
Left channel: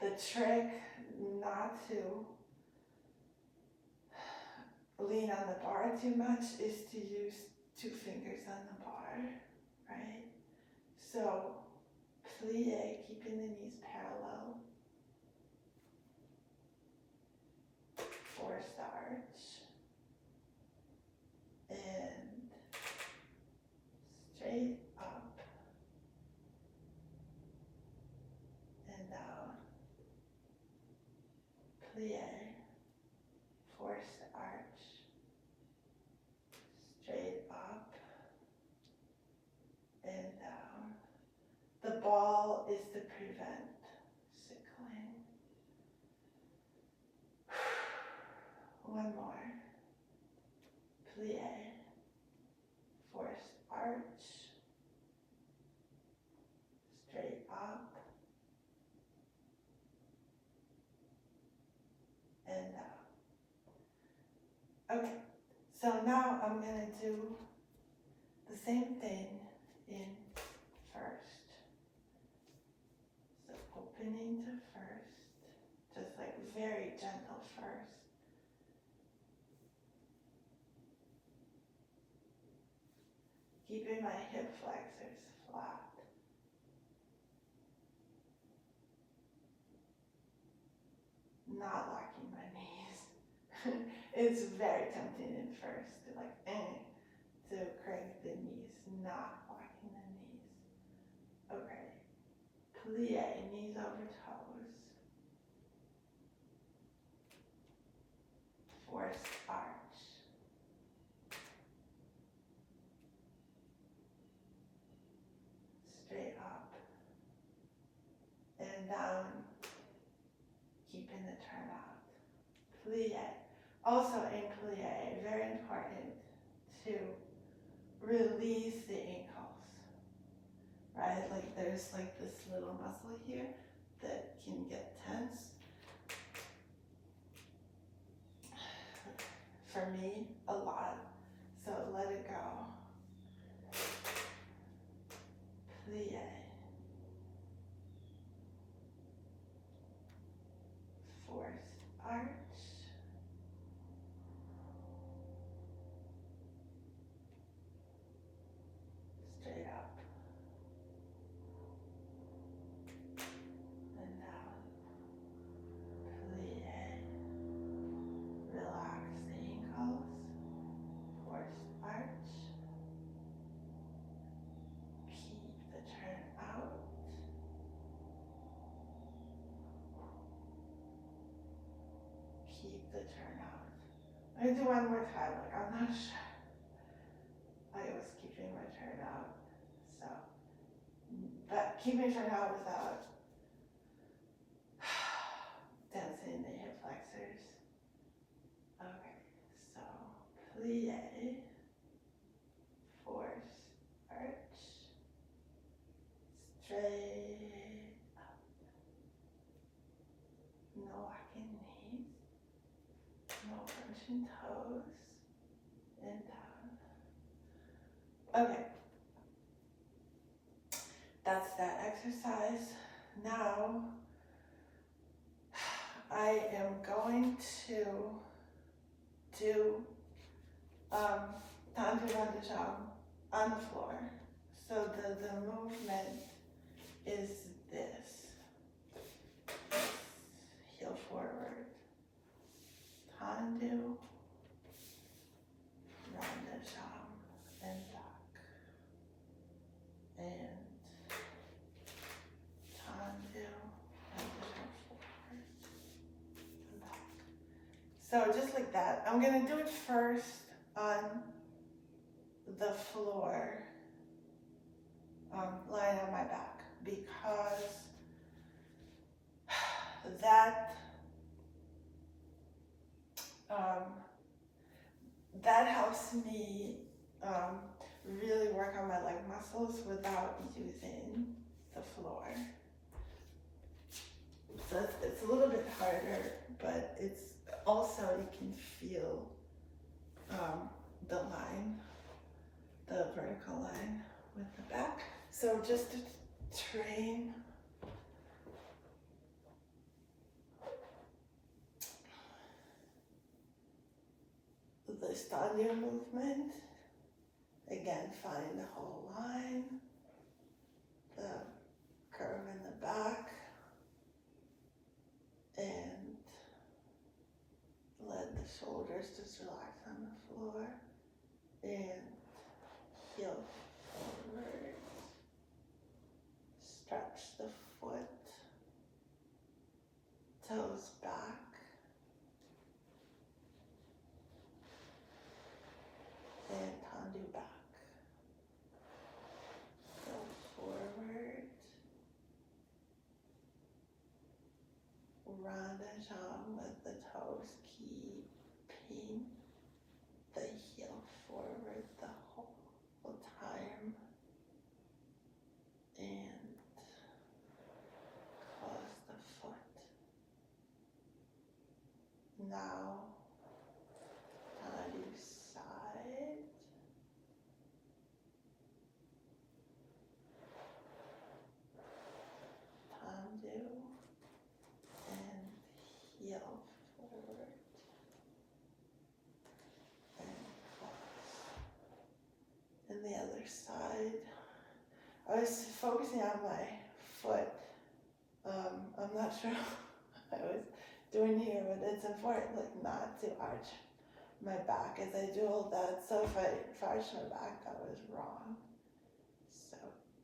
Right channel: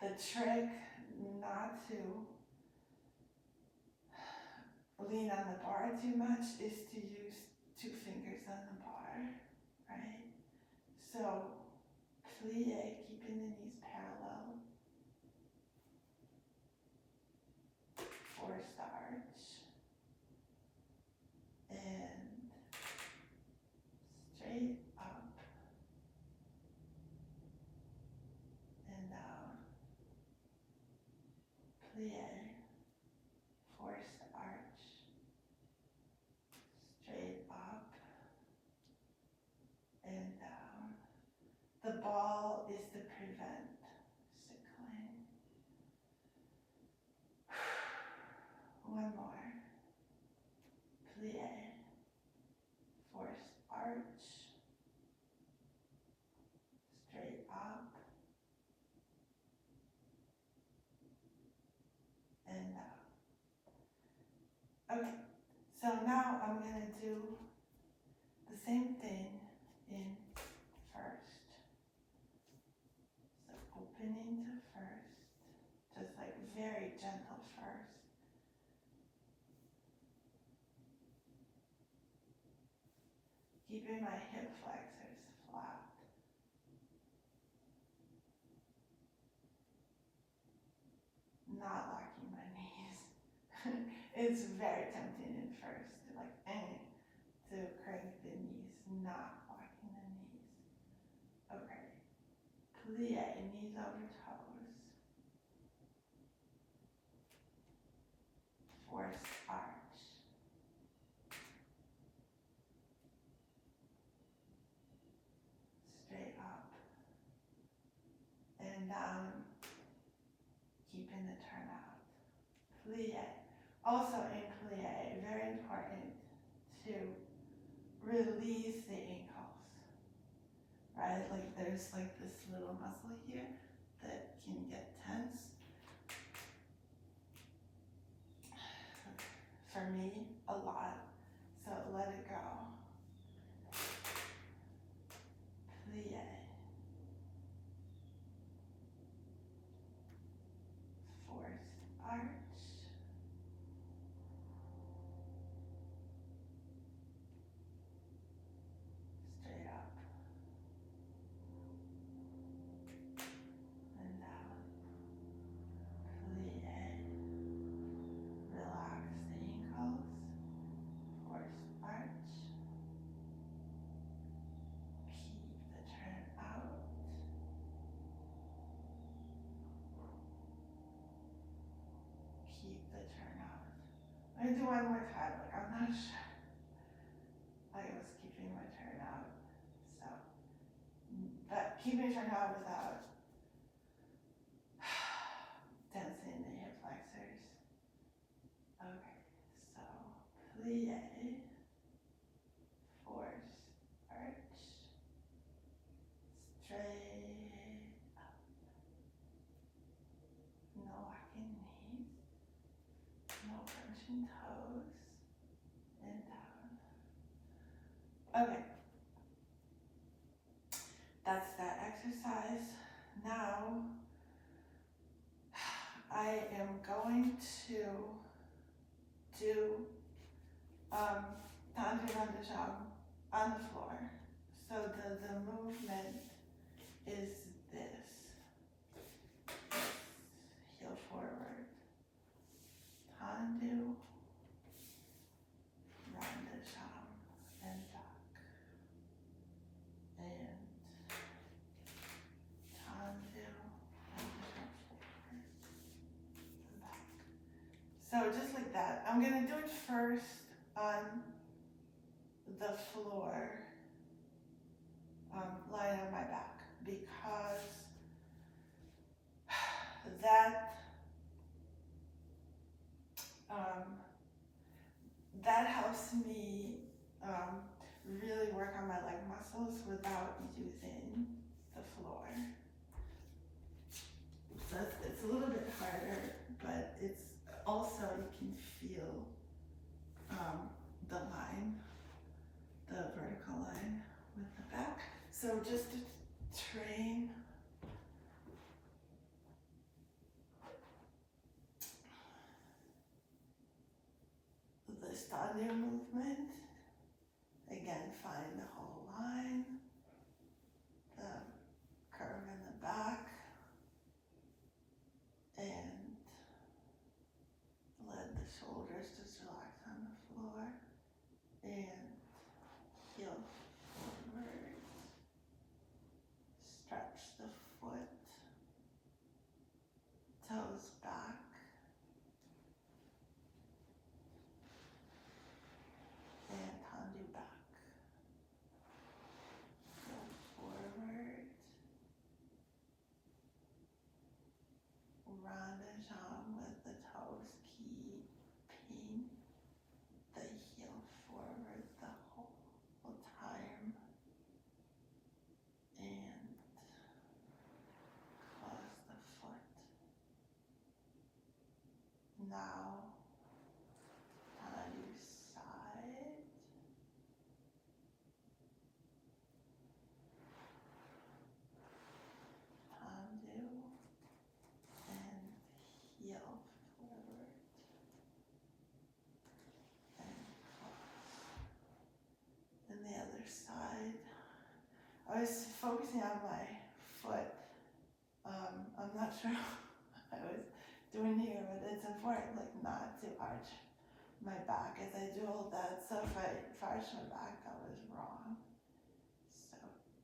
the trick not to lean on the bar too much is to use 2 fingers on the bar, right? So plie, keeping the knees parallel, forced arch, and straight up and down, plie, forced arch, straight up and down. The ball is to prevent sickling. One more. Plie, forced arch, straight up and down. Okay, so now I'm gonna do the same thing in first. So opening to first, just like very gentle first. Keeping my hip flexors flat. Not locking my knees. It's very tempting in first to to crank the knees, not locking the knees. Okay. Plie, knees over toes. Forced arch. Straight up and down, keeping the turnout. Plie. Also in plie, very important to release the ankles, right? Like there's like this little muscle here that can get tense. For me, a lot. So let it go. Plie. Forced arch. Straight up. And down. Plie. Relax the ankles. Forced arch. Keep the turn out. Keep the turn out. I'm gonna do one more time, like I'm not sure. I was keeping my turn out. So, but keeping turn out without tensing the hip flexors. Okay, so plie, force, arch, straight up. No locking knees, no crunching toes, and down. Okay, that's that exercise. Now, I am going to do tendu-rond-de-jambe on the floor. So the movement is this. Heel forward, tendu, rond-de-jambe, and back. And tendu, rond-de-jambe forward, and back. So just like that. I'm gonna do it first on the floor, lying on my back, because that helps me really work on my leg muscles without using the floor. So it's a little bit harder, but it's also, you can feel the line, the vertical line with the back. So just to train the tendu movement, again, find the whole line, the curve in the back, and let the shoulders just relax on the floor, and heel forward, stretch the foot, toes back, and tendu back. Go forward, rond-de-jambe with the toes, keeping the heel forward the whole time, and close the foot. Now, tendu side, tendu, and heel forward, and close. And the other side, I was focusing on my foot. I'm not sure what I was doing here, but it's important, like, not to arch my back as I do all that. So if I arch my back, that was wrong. So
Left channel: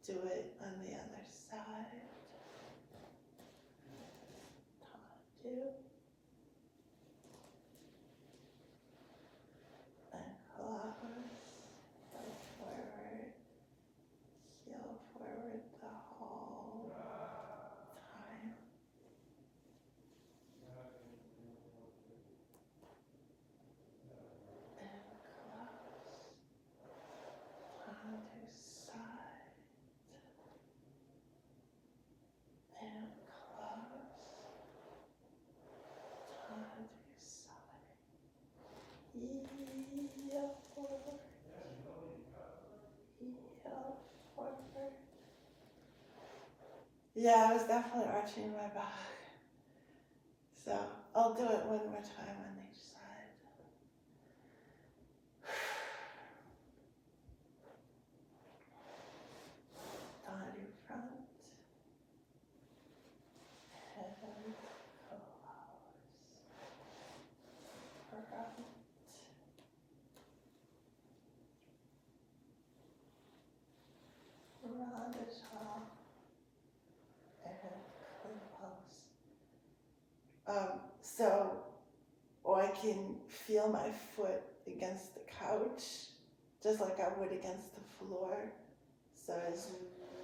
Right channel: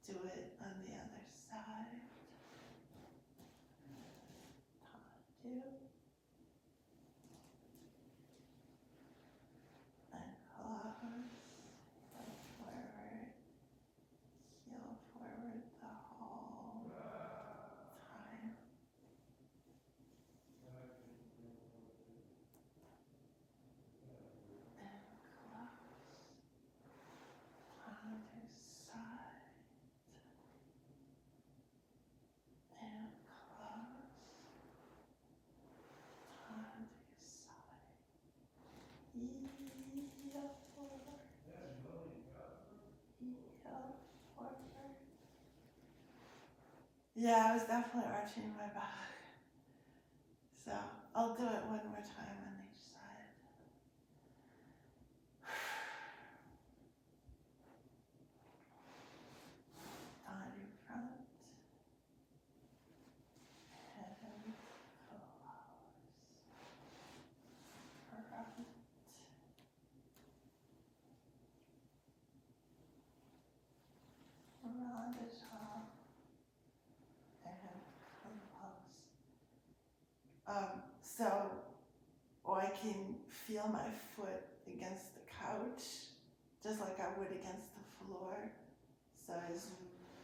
do it on the other side. Tendu. And close. Go forward. Heel forward the whole time. And close. Tendu side. And close. Tendu side. Heel forward. Heel forward. Yeah, I was definitely arching my back. So I'll do it one more time on each side. Tendu front. And close. Front. Rond-de-jambe. And close. So I can feel my foot against the couch, just like I would against the floor. So it's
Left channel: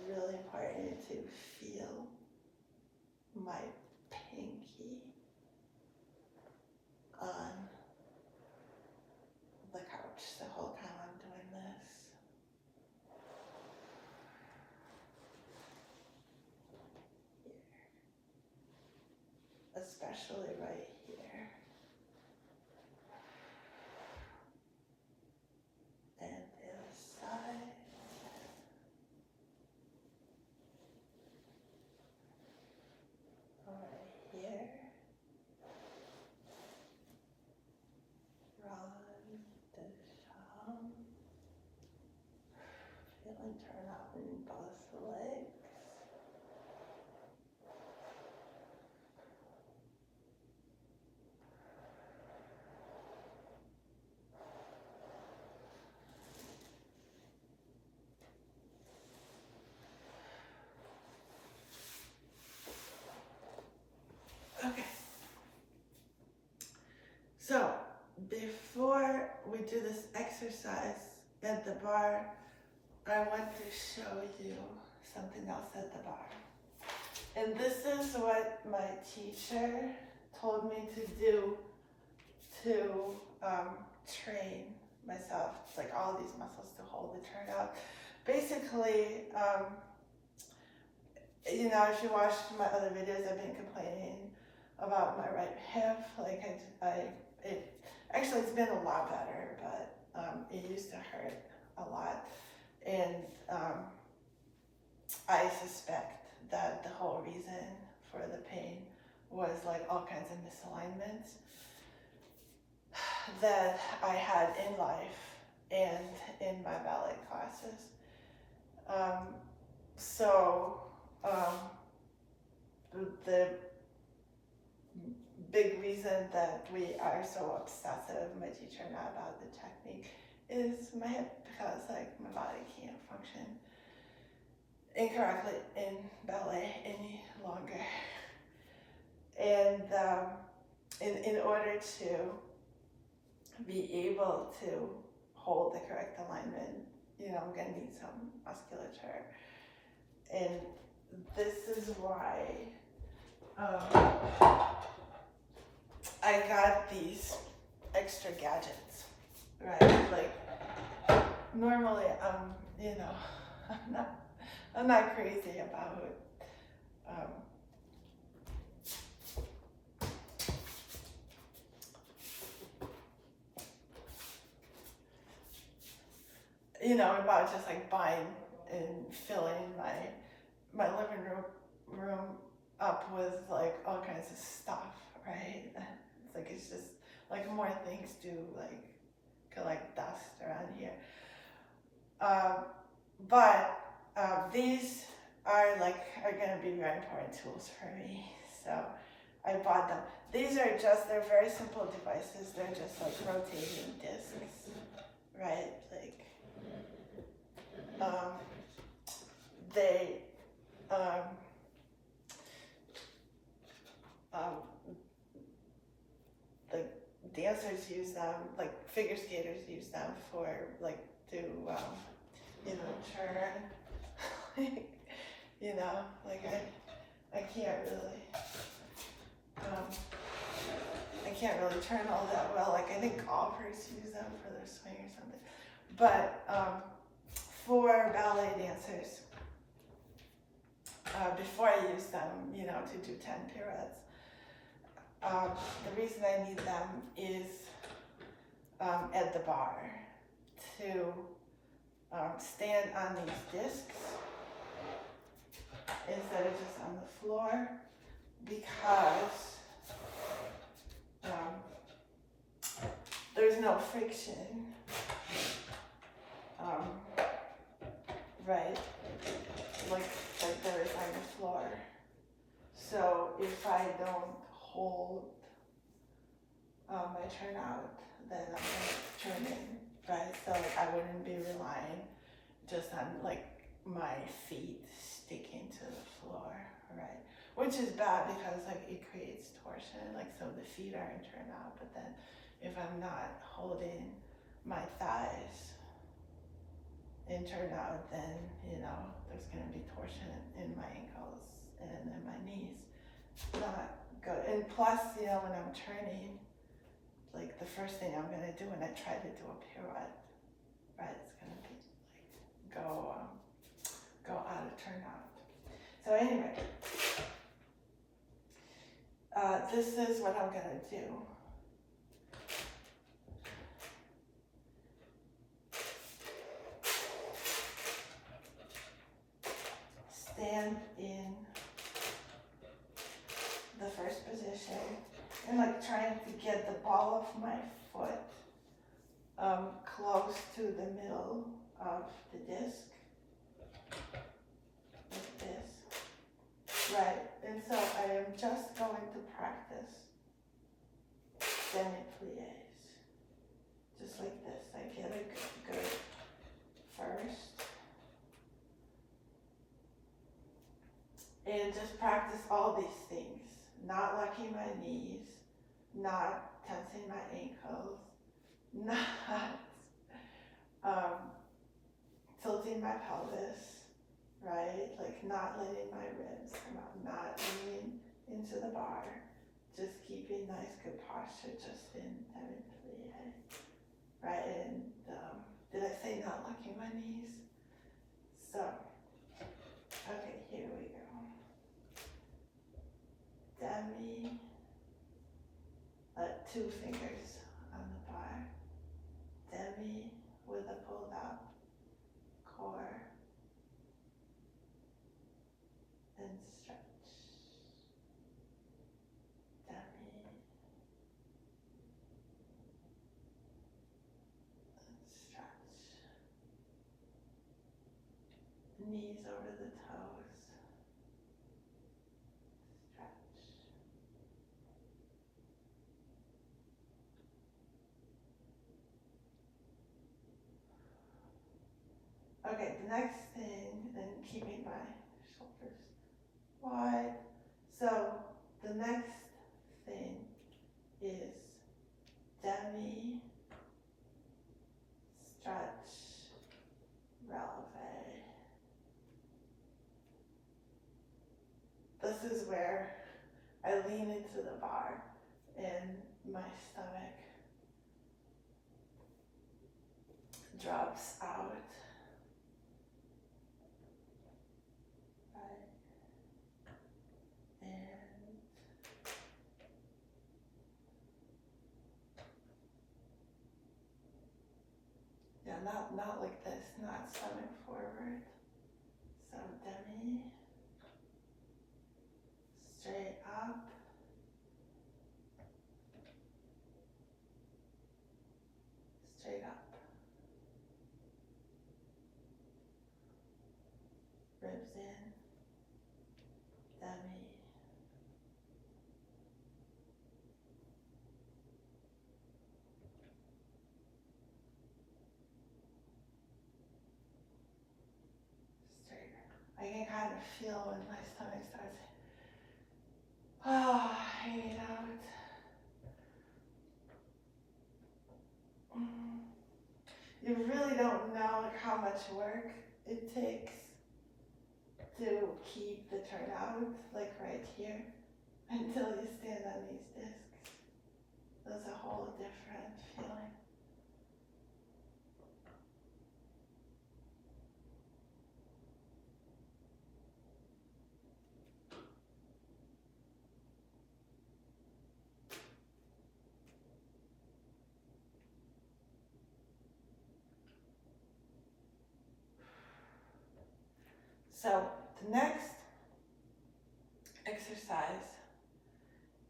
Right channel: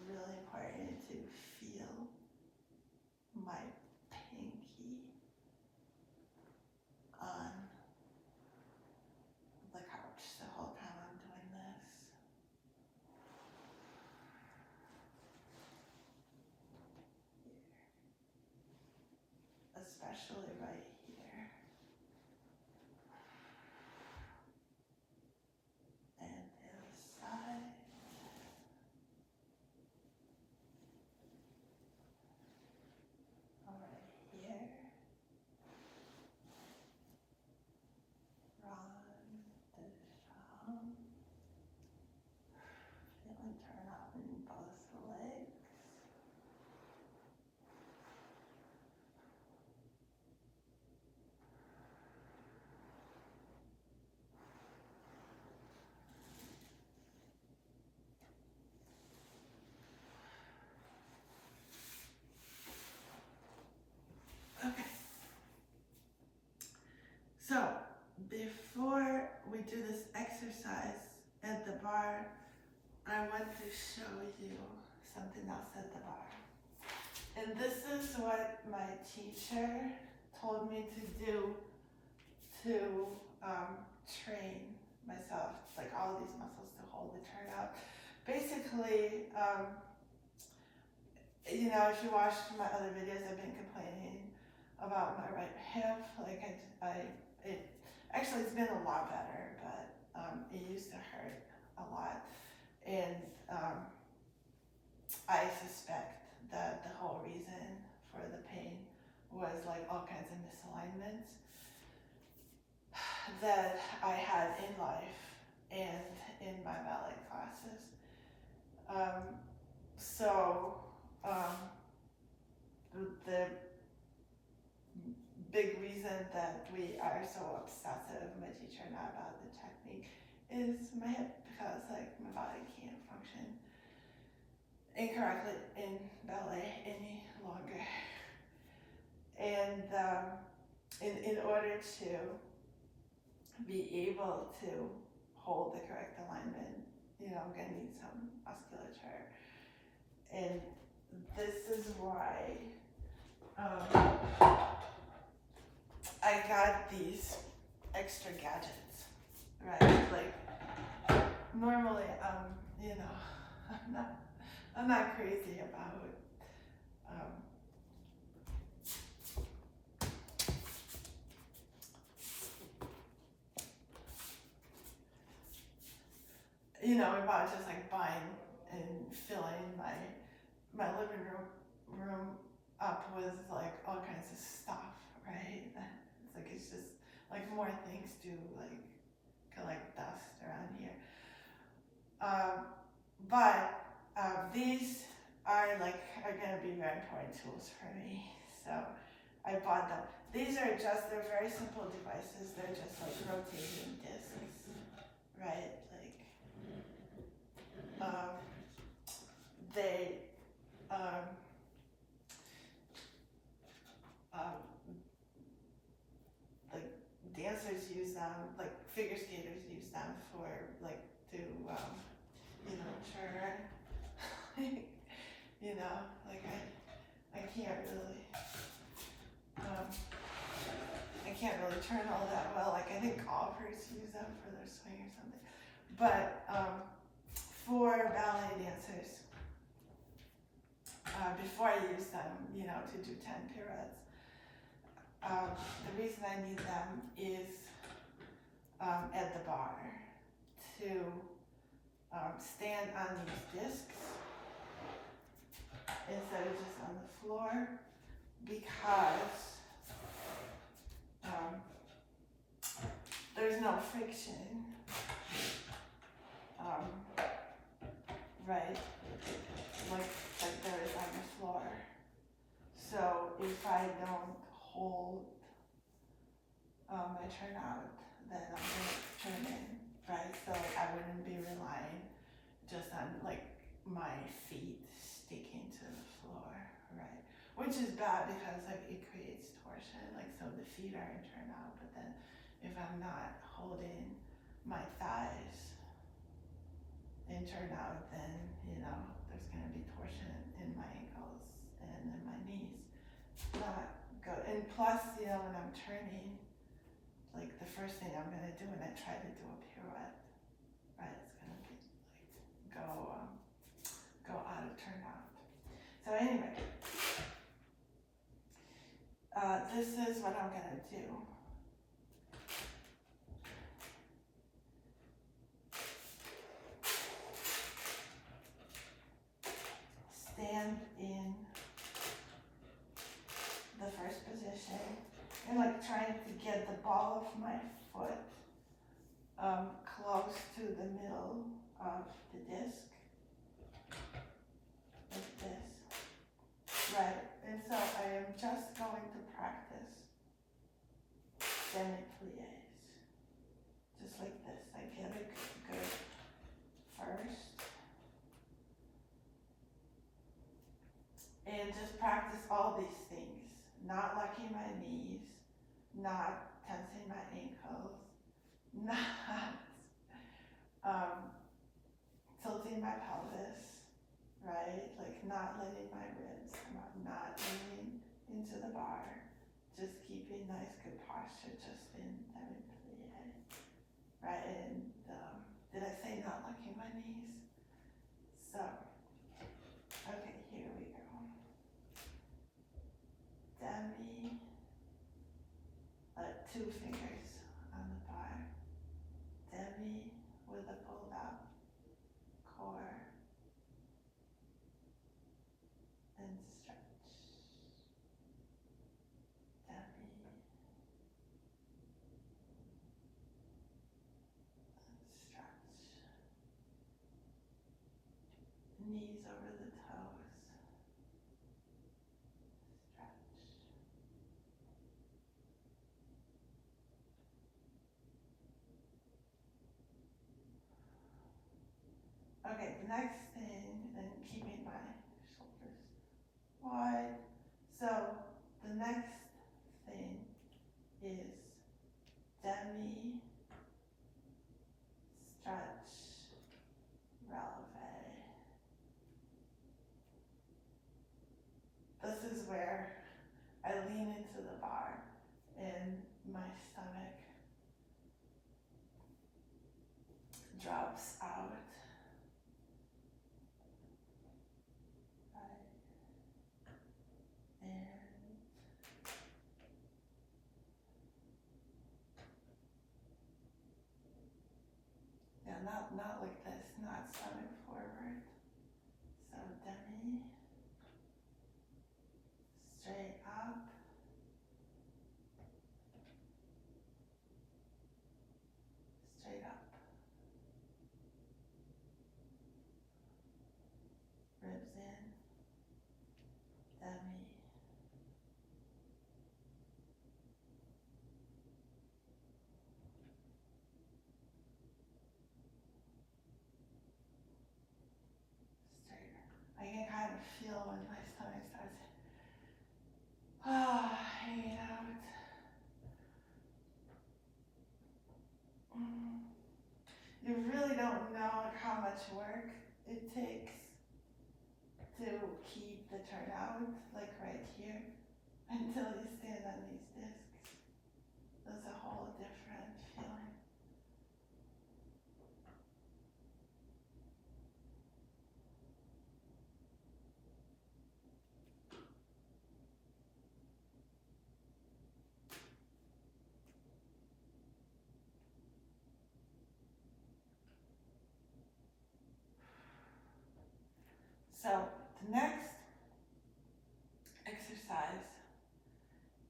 really important to feel my pinky on the couch the whole time I'm doing this. Here. Especially right here. And the other side. Right here. Rond-de-jambe. Feeling turnout in both legs. Okay. So before we do this exercise at the bar, I want to show you something else at the bar. And this is what my teacher told me to do to train myself, like all of these muscles to hold the turnout. Basically, you know, if you watched my other videos, I've been complaining about my right hip. Like actually it's been a lot better, but it used to hurt a lot. And I suspect that the whole reason for the pain was like all kinds of misalignments that I had in life and in my ballet classes. The big reason that we are so obsessive, my teacher and I, about the technique is my hip, because like my body can't function incorrectly in ballet any longer. And in order to be able to hold the correct alignment, you know, I'm gonna need some musculature. And this is why I got these extra gadgets, right? Like normally you know, I'm not crazy about you know, about just like buying and filling my living room up with like all kinds of stuff, right? It's like, it's just like more things to like collect dust around here. But these are gonna be very important tools for me. So I bought them. These are just, they're very simple devices. They're just like rotating discs, right? Like, the dancers use them, like figure skaters use them for like to, you know, turn, you know, like I can't really turn all that well. Like I think golfers use them for their swing or something. But for ballet dancers, before I use them, you know, to do 10 pirouettes, the reason I need them is at the bar to stand on these discs instead of just on the floor, because there's no friction, right, like there is on the floor. So if I don't hold my turnout, then I'm gonna turn in, right? So I wouldn't be relying just on like my feet sticking to the floor, right? Which is bad because like it creates torsion, like so the feet are in turnout, but then if I'm not holding my thighs in turnout, then you know there's gonna be torsion in my ankles and in my knees. Not good. And plus, you know, when I'm turning, like the first thing I'm gonna do when I try to do a pirouette, right, it's gonna be like go out of turnout. So anyway, this is what I'm gonna do. Stand in the first position and like trying to get the ball of my foot close to the middle of the disc, like this, right? And so I am just going to practice demi-plies, just like this. I get a good first, and just practice all these things, not locking my knees, not tensing my ankles, not tilting my pelvis, right? Like not letting my ribs come out, not leaning into the bar, just keeping nice good posture just in demi-plie, right? And locking my knees. So, okay, here we go. Demi, 2 fingers on the bar. Demi with a pulled up core and stretch. Demi and stretch. Knees over the toes. Stretch. Okay, the next thing, and keeping my shoulders wide. So the next thing is demi, stretch, relevé. This is where I lean into the bar and my stomach drops out. Right. And yeah, not like this, not stomach forward. So demi, straight up, straight up. Ribs in, demi. Straight. I can kind of feel when my stomach starts hanging out. You really don't know how much work it takes to keep the turnout, like right here, until you stand on these discs. That's a whole different feeling. So the next exercise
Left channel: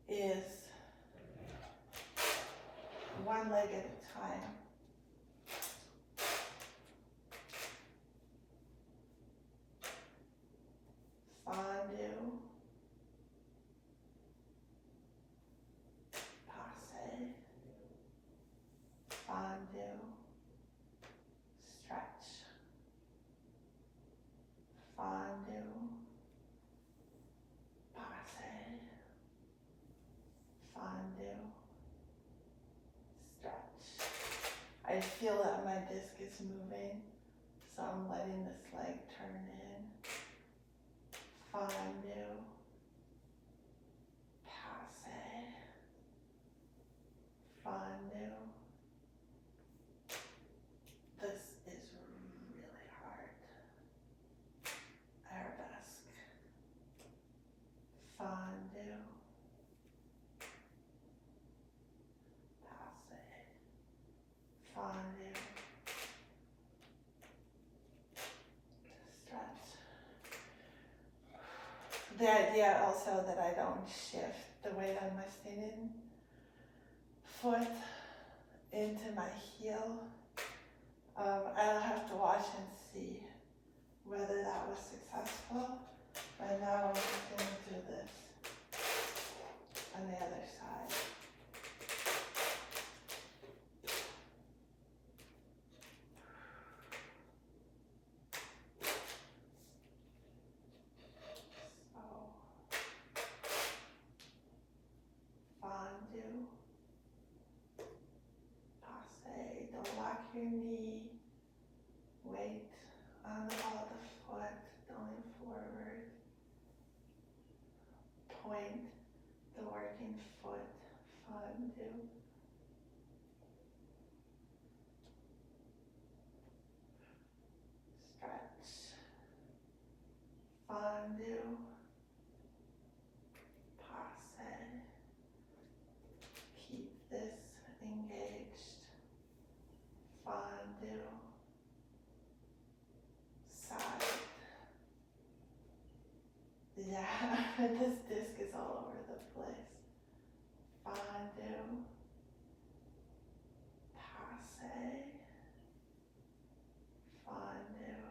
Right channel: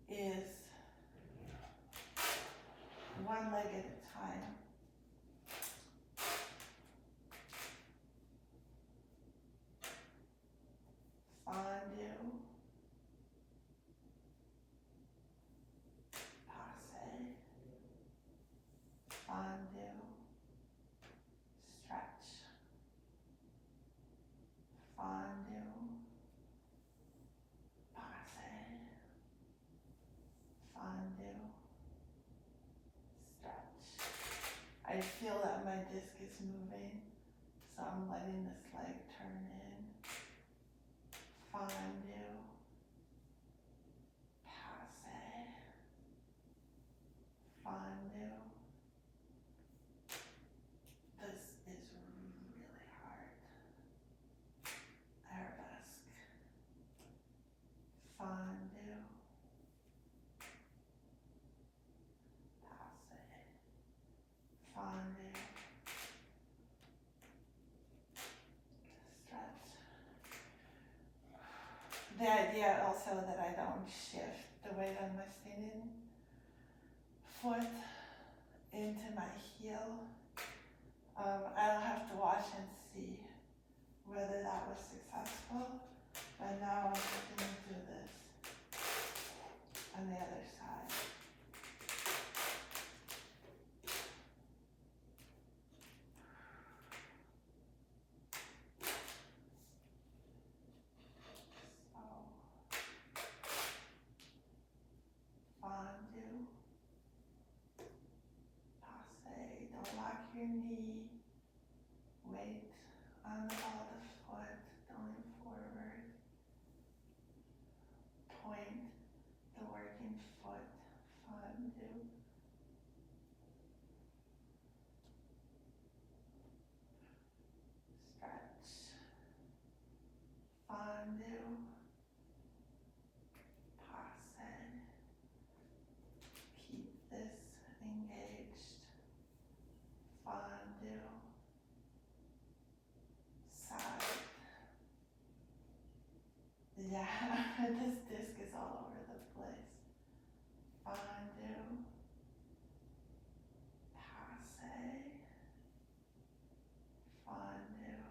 is one leg at a time. Fondue, passe, fondue, stretch, fondue, passe, fondue, stretch. I feel that my disc is moving, so I'm letting this leg turn in. Fondue, passe, fondue. This is really hard. Arabesque, fondue, passe, fondue, stretch. The idea also that I don't shift the weight on my standing foot into my heel. I'll have to watch and see whether that was successful. But now I'm just going to do this on the other side. So, fondue, passe, don't lock your knee, weight on the ball of the foot, going forward, point the working foot, fondue. This disc is all over the place. Fondue, passe, fondue,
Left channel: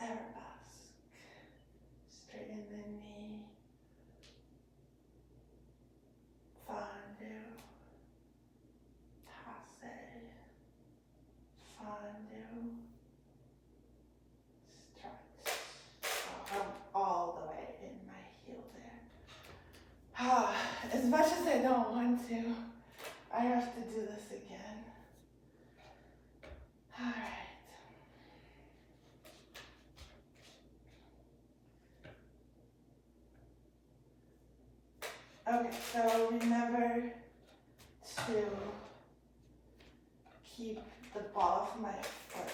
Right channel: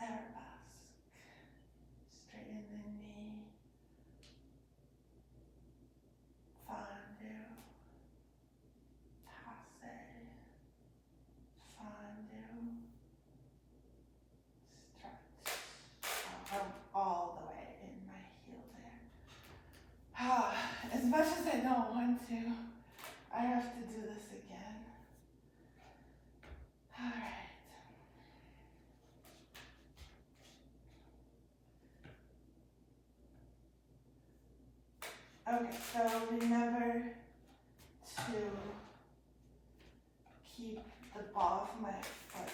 arabesque, straighten the knee, fondue, passe, fondue, stretch. Oh, I'm all the way in my heel there. As much as I don't want to, I have to do this again. All right. Okay, so remember to keep the ball of my foot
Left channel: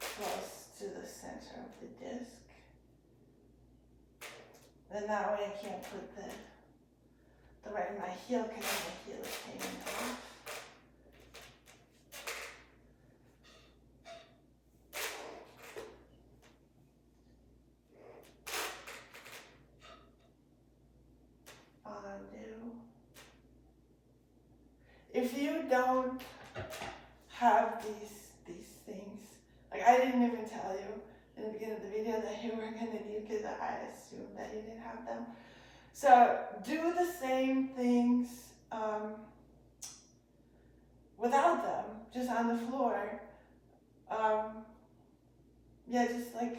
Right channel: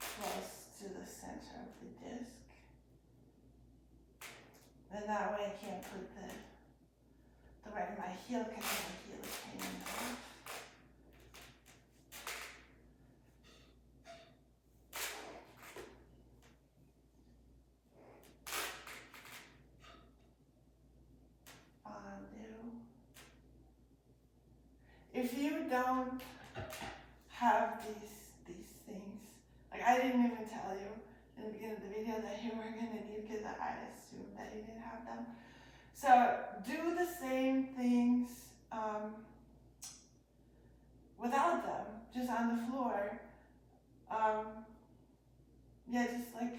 close to the center of the disc. Then that way I can't put the right in my heel because my heel is hanging off. Fondue. If you don't have these things, like I didn't even tell you in the beginning of the video that you were gonna need because I assumed that you didn't have them. So do the same things without them, just on the floor. Yeah, just like,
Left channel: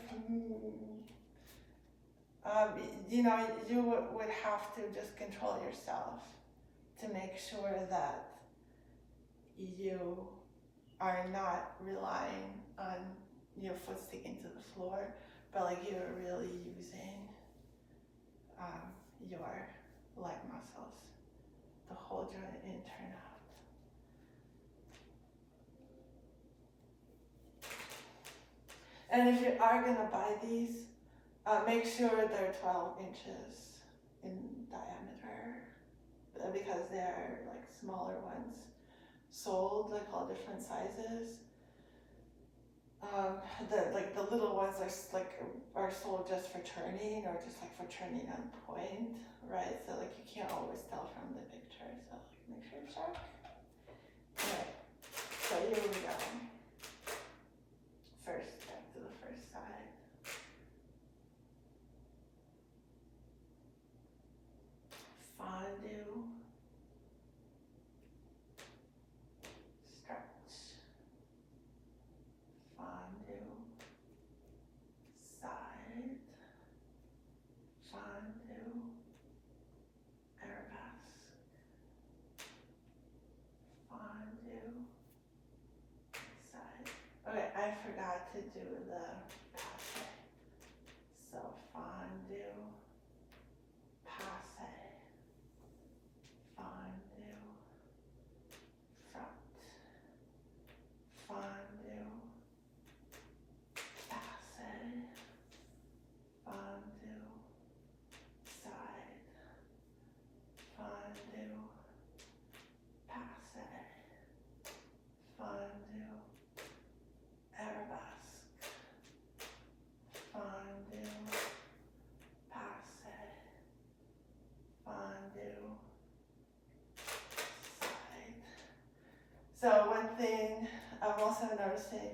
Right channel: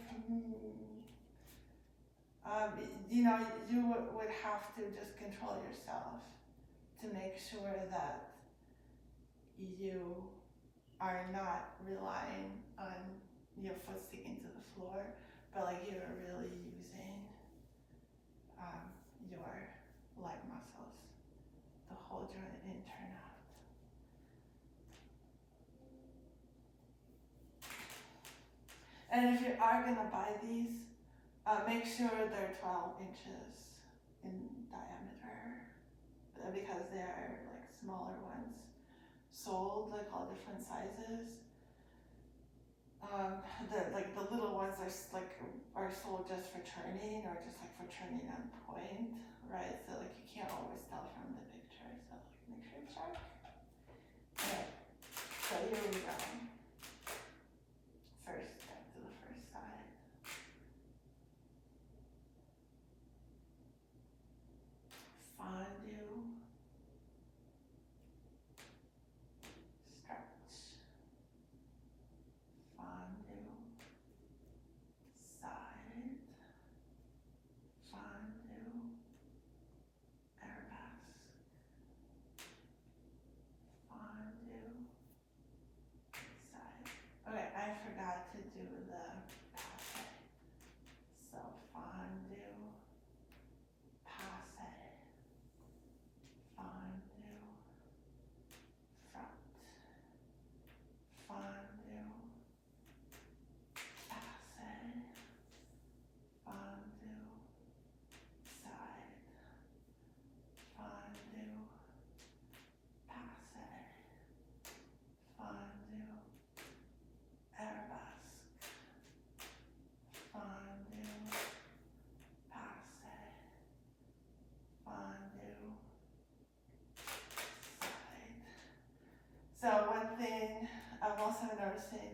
you know, you would have to just control yourself to make sure that you are not relying on your foot sticking to the floor, but like you're really using your leg muscles to hold your in turnout. And if you are gonna buy these, make sure they're 12 inches in diameter because there are like smaller ones sold, like all different sizes. The little ones are sold just for turning or just like for turning on point, right? So like you can't always tell from the picture. So like make sure to check. Okay. So here we go. First step to the first side. Fondue. Stretch. Fondue. Side. Fondue. Arabesque. Fondue. Side. Okay, I forgot to do the passe. So fondue. Passe. Fondue. Front. Fondue. Passe. Fondue. Side. Fondue. Passe. Fondue. Arabesque. Fondue. Passe. Fondue. Side. So one thing I'm also noticing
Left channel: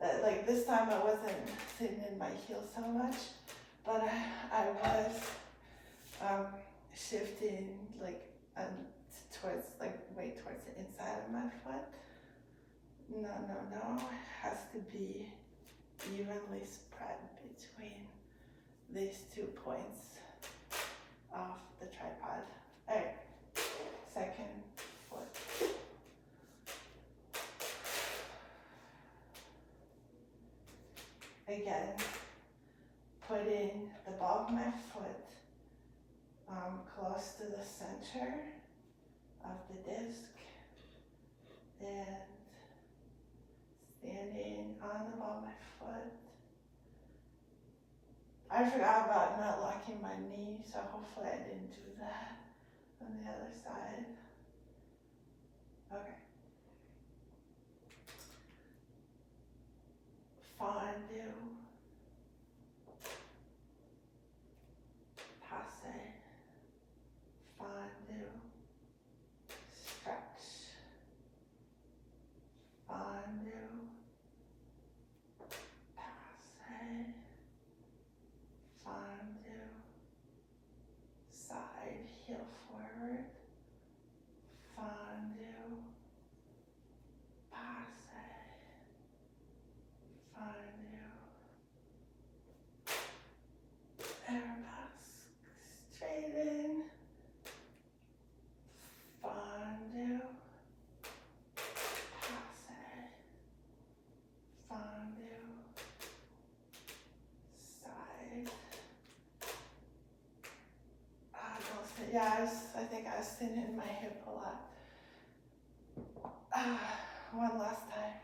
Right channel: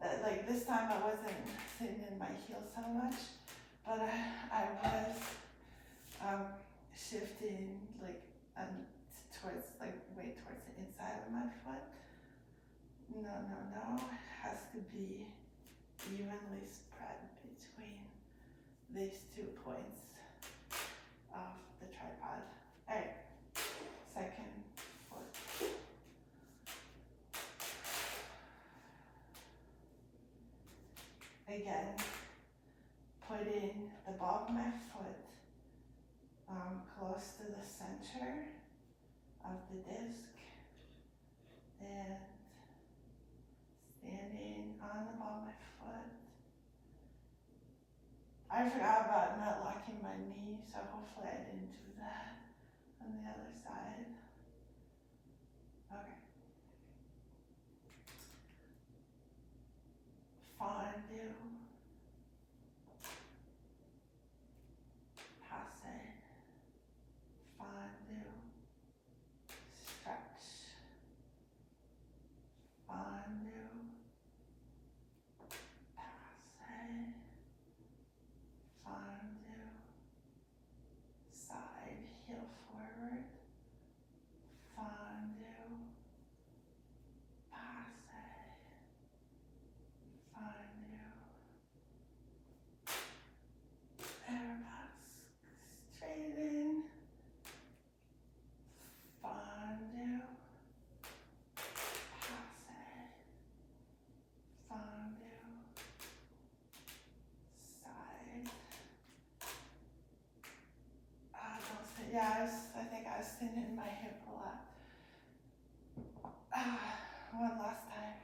that like this time I wasn't sitting in my heel so much, but I was shifting like towards like way towards the inside of my foot. No, it has to be evenly spread between these 2 points of the tripod. All right, second foot. Again, putting the ball of my foot close to the center of the disc and standing on the ball of my foot. I forgot about not locking my knee, so hopefully I didn't do that on the other side. Okay. Fondue. flexing in my hip a lot. One last time.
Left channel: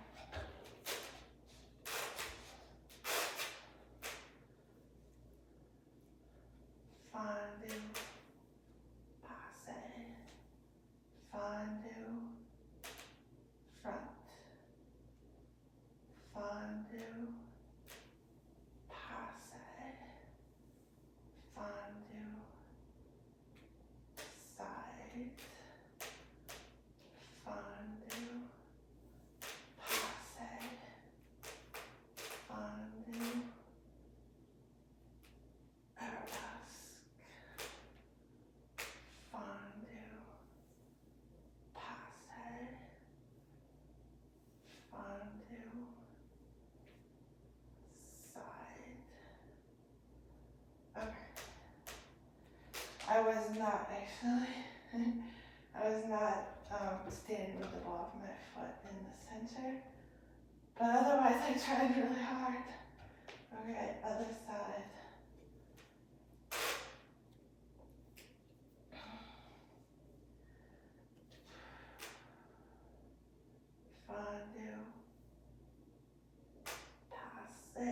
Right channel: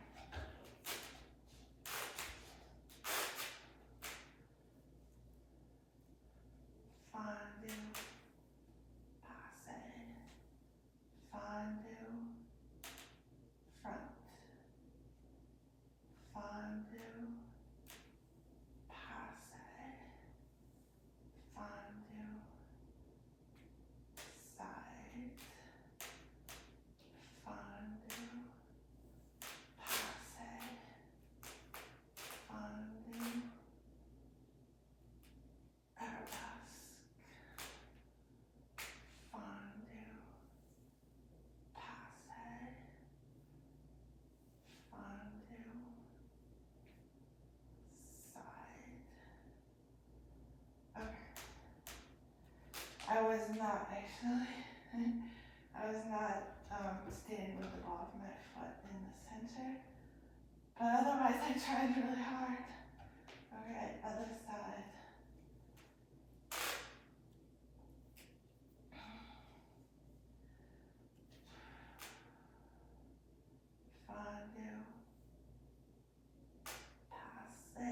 Fondu, passe, fondu, front, fondu, passe, fondu, side, fondu, passe, fondu, arabesque, fondu, passe, fondu, side. Okay. I was not actually. I was not standing with the ball of my foot in the center, but otherwise I tried really hard. Okay, other side. Fondu, passe,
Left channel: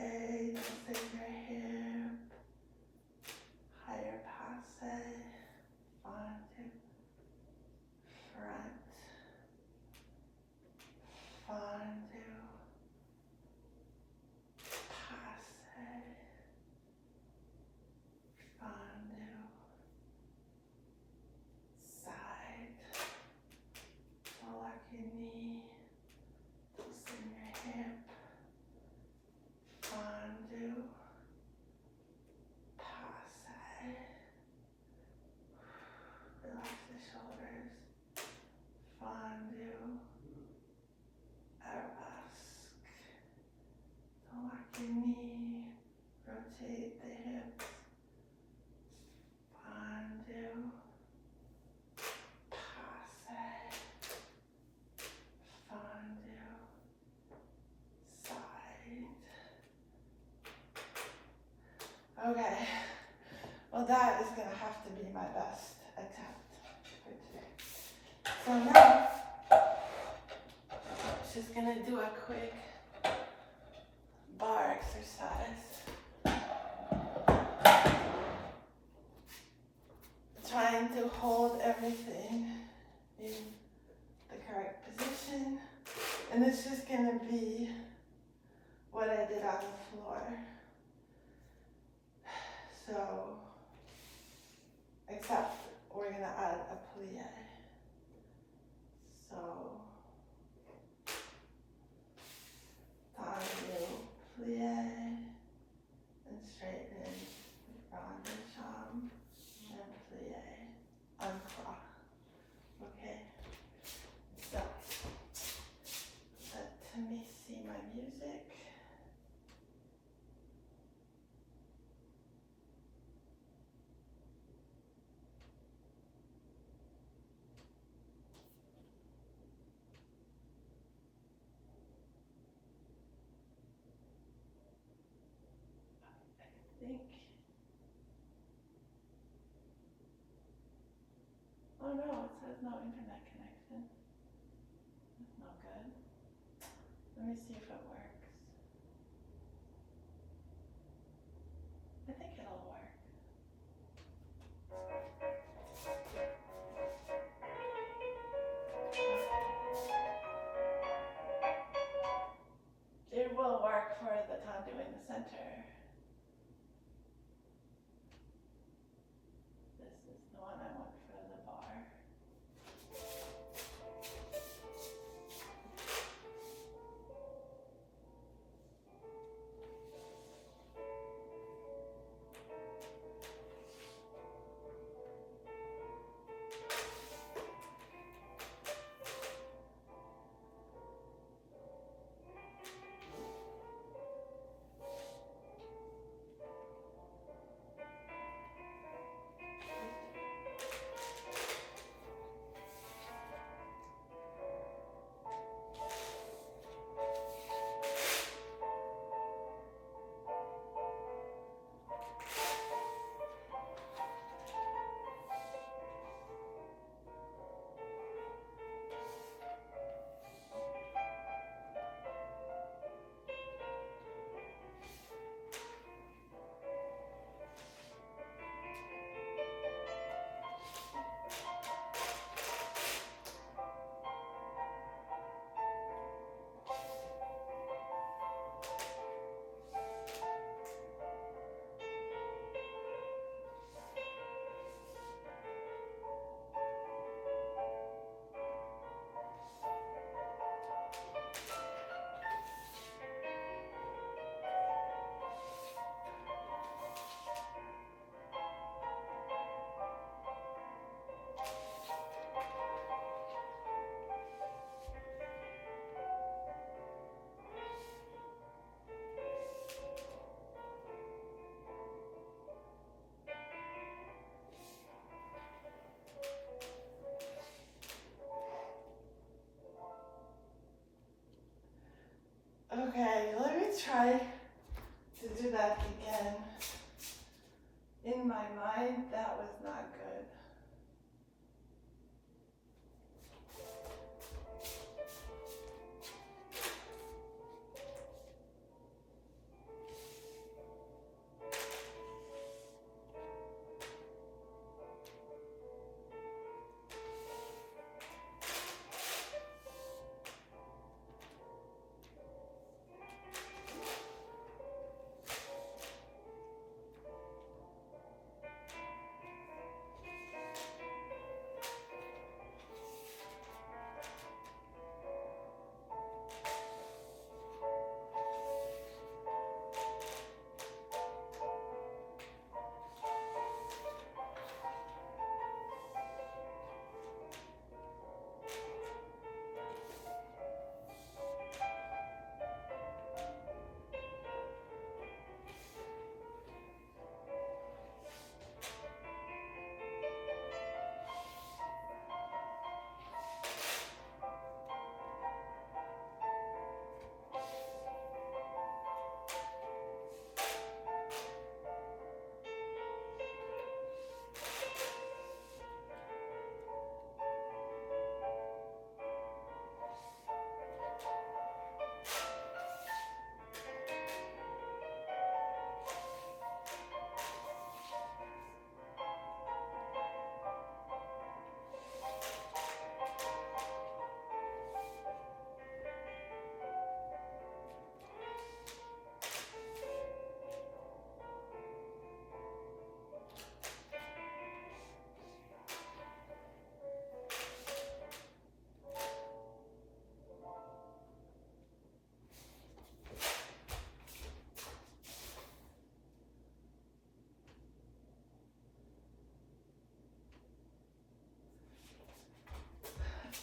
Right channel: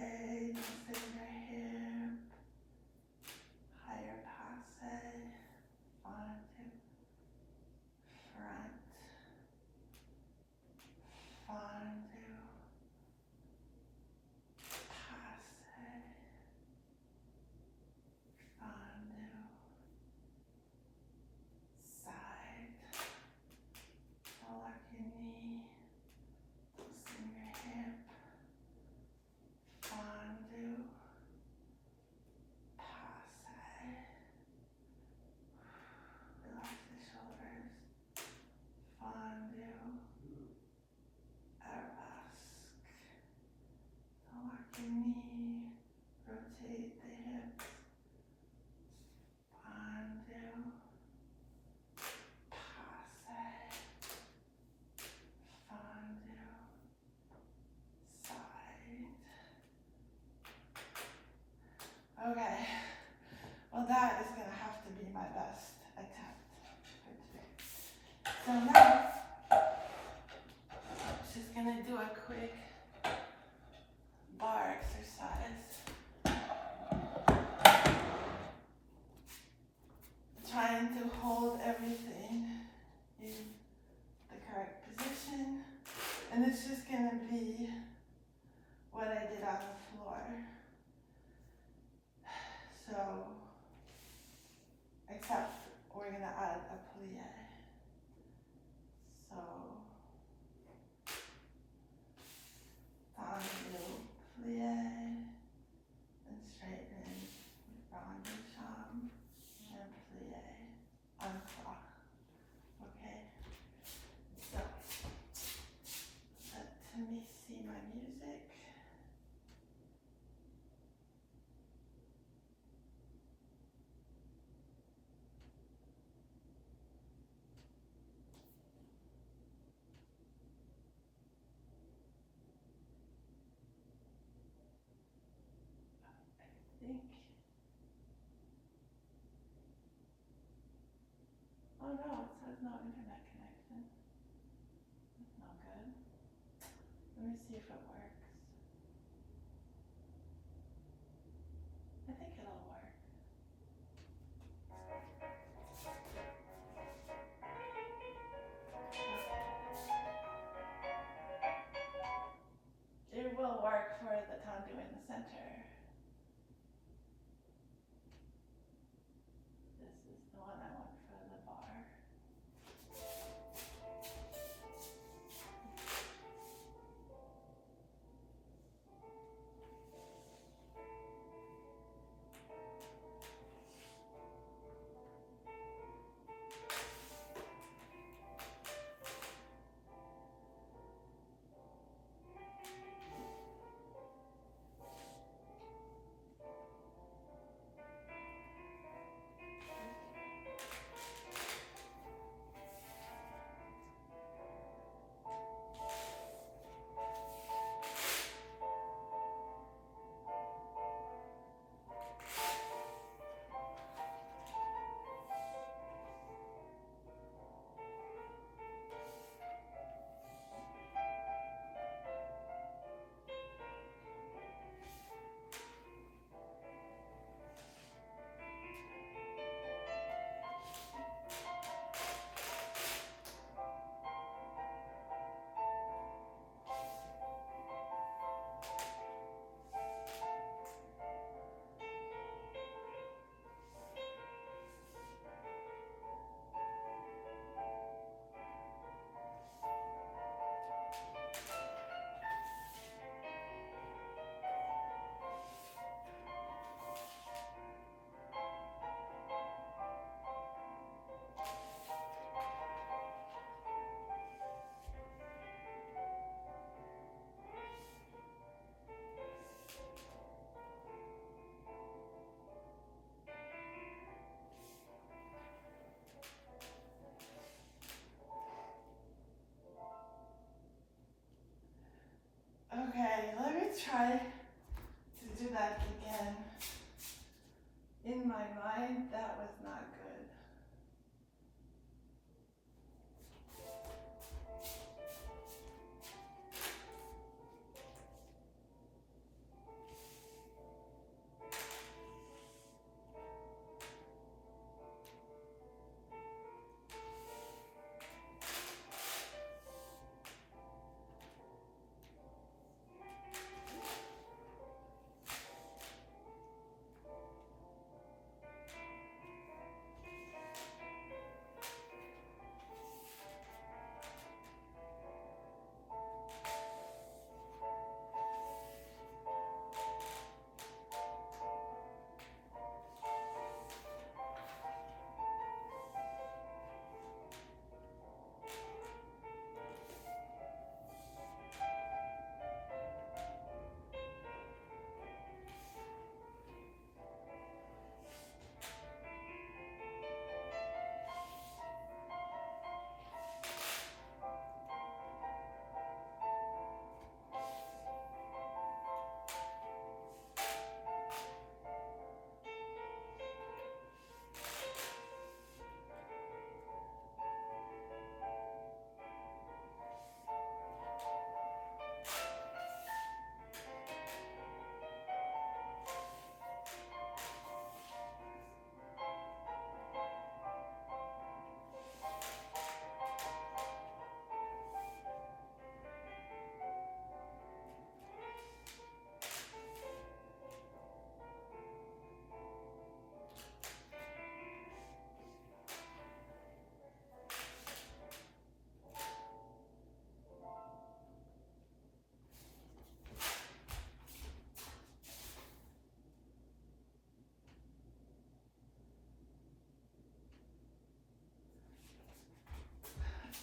don't save your hip, higher passe, fondu, front, fondu, passe, fondu, side, pull up your knee, loosen your hip, fondu, passe, relax the shoulders, fondu, arabesque, lock your knee, rotate the hips, fondu, passe, fondu, side. Okay, well that is gonna have to be my best attempt for today. So now, just gonna do a quick bar exercise. Trying to hold everything in the correct position. And it's just gonna be what I did on the floor. So, except we're gonna add a plie. So, tendu, plie, and straighten, rond-de-jambe, and plie, uncross. Okay? So, let me see my music. I think. Oh no, it says no internet connection. That's not good. Let me see if it works. I think it'll work. It will work for the tendu in the center. This is the one I want for the bar. Okay, let me try to do that again. In my mind, that was not good.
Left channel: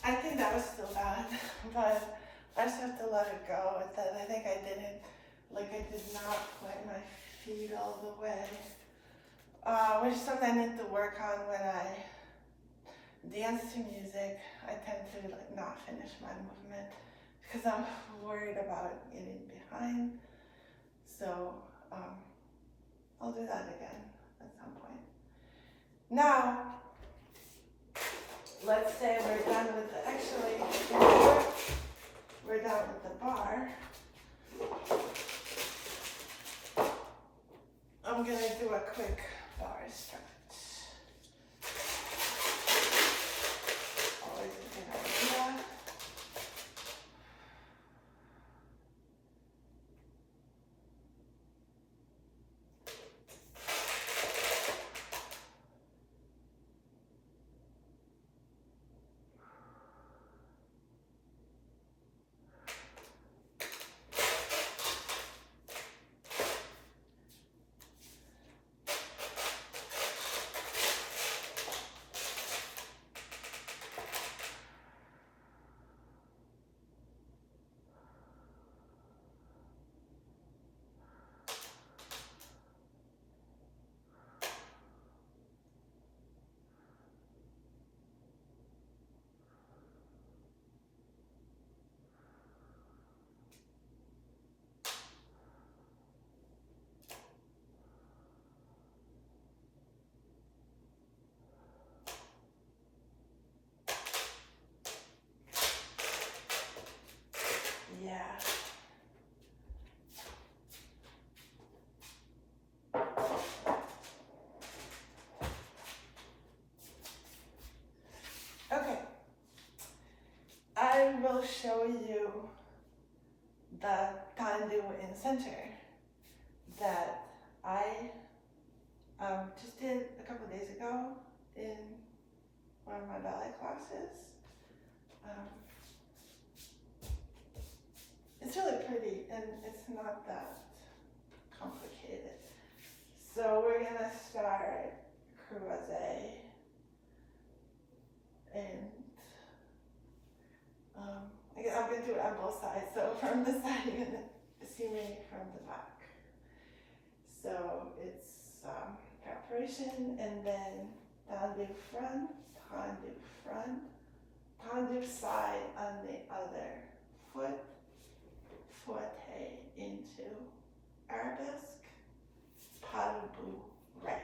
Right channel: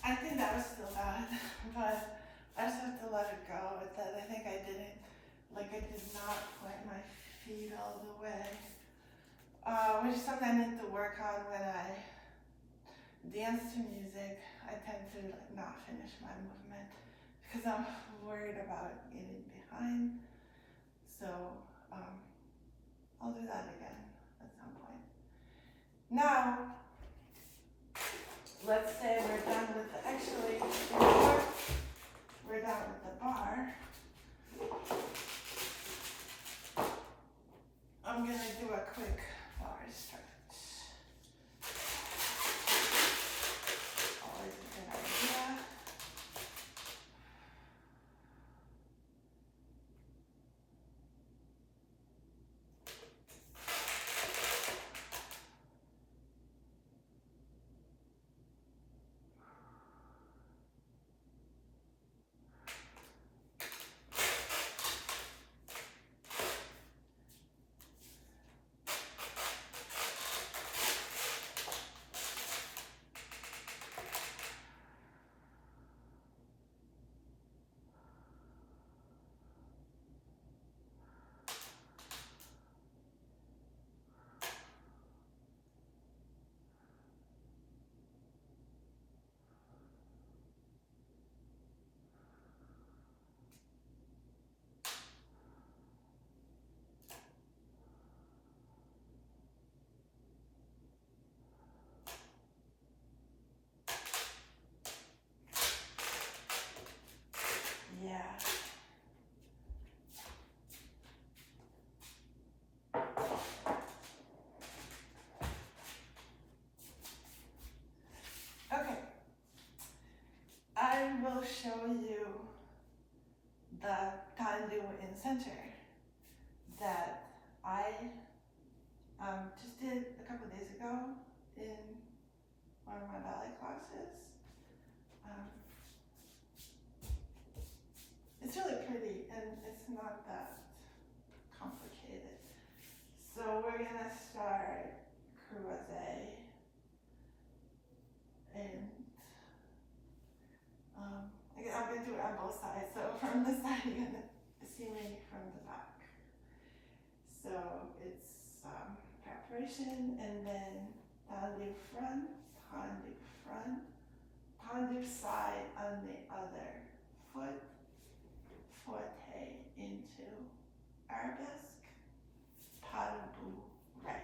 I think that was still bad, but I just have to let it go. It's that I think I didn't, like I did not plant my feet all the way. Which is something I need to work on when I dance to music. I tend to like not finish my movement because I'm worried about getting behind. So I'll do that again at some point. Now, let's say we're done with the, actually, we're done with the bar. I'm gonna do a quick bar stretch. Always a good idea. Yeah. Okay. I will show you the tendu in center that I just did a couple of days ago in one of my ballet classes. It's really pretty and it's not that complicated. So we're gonna start croisé and I'm gonna do it on both sides. So from the side you're gonna see me from the back. So it's preparation and then tendu front, tendu side on the other foot, foot, arabesque, pas de bourre.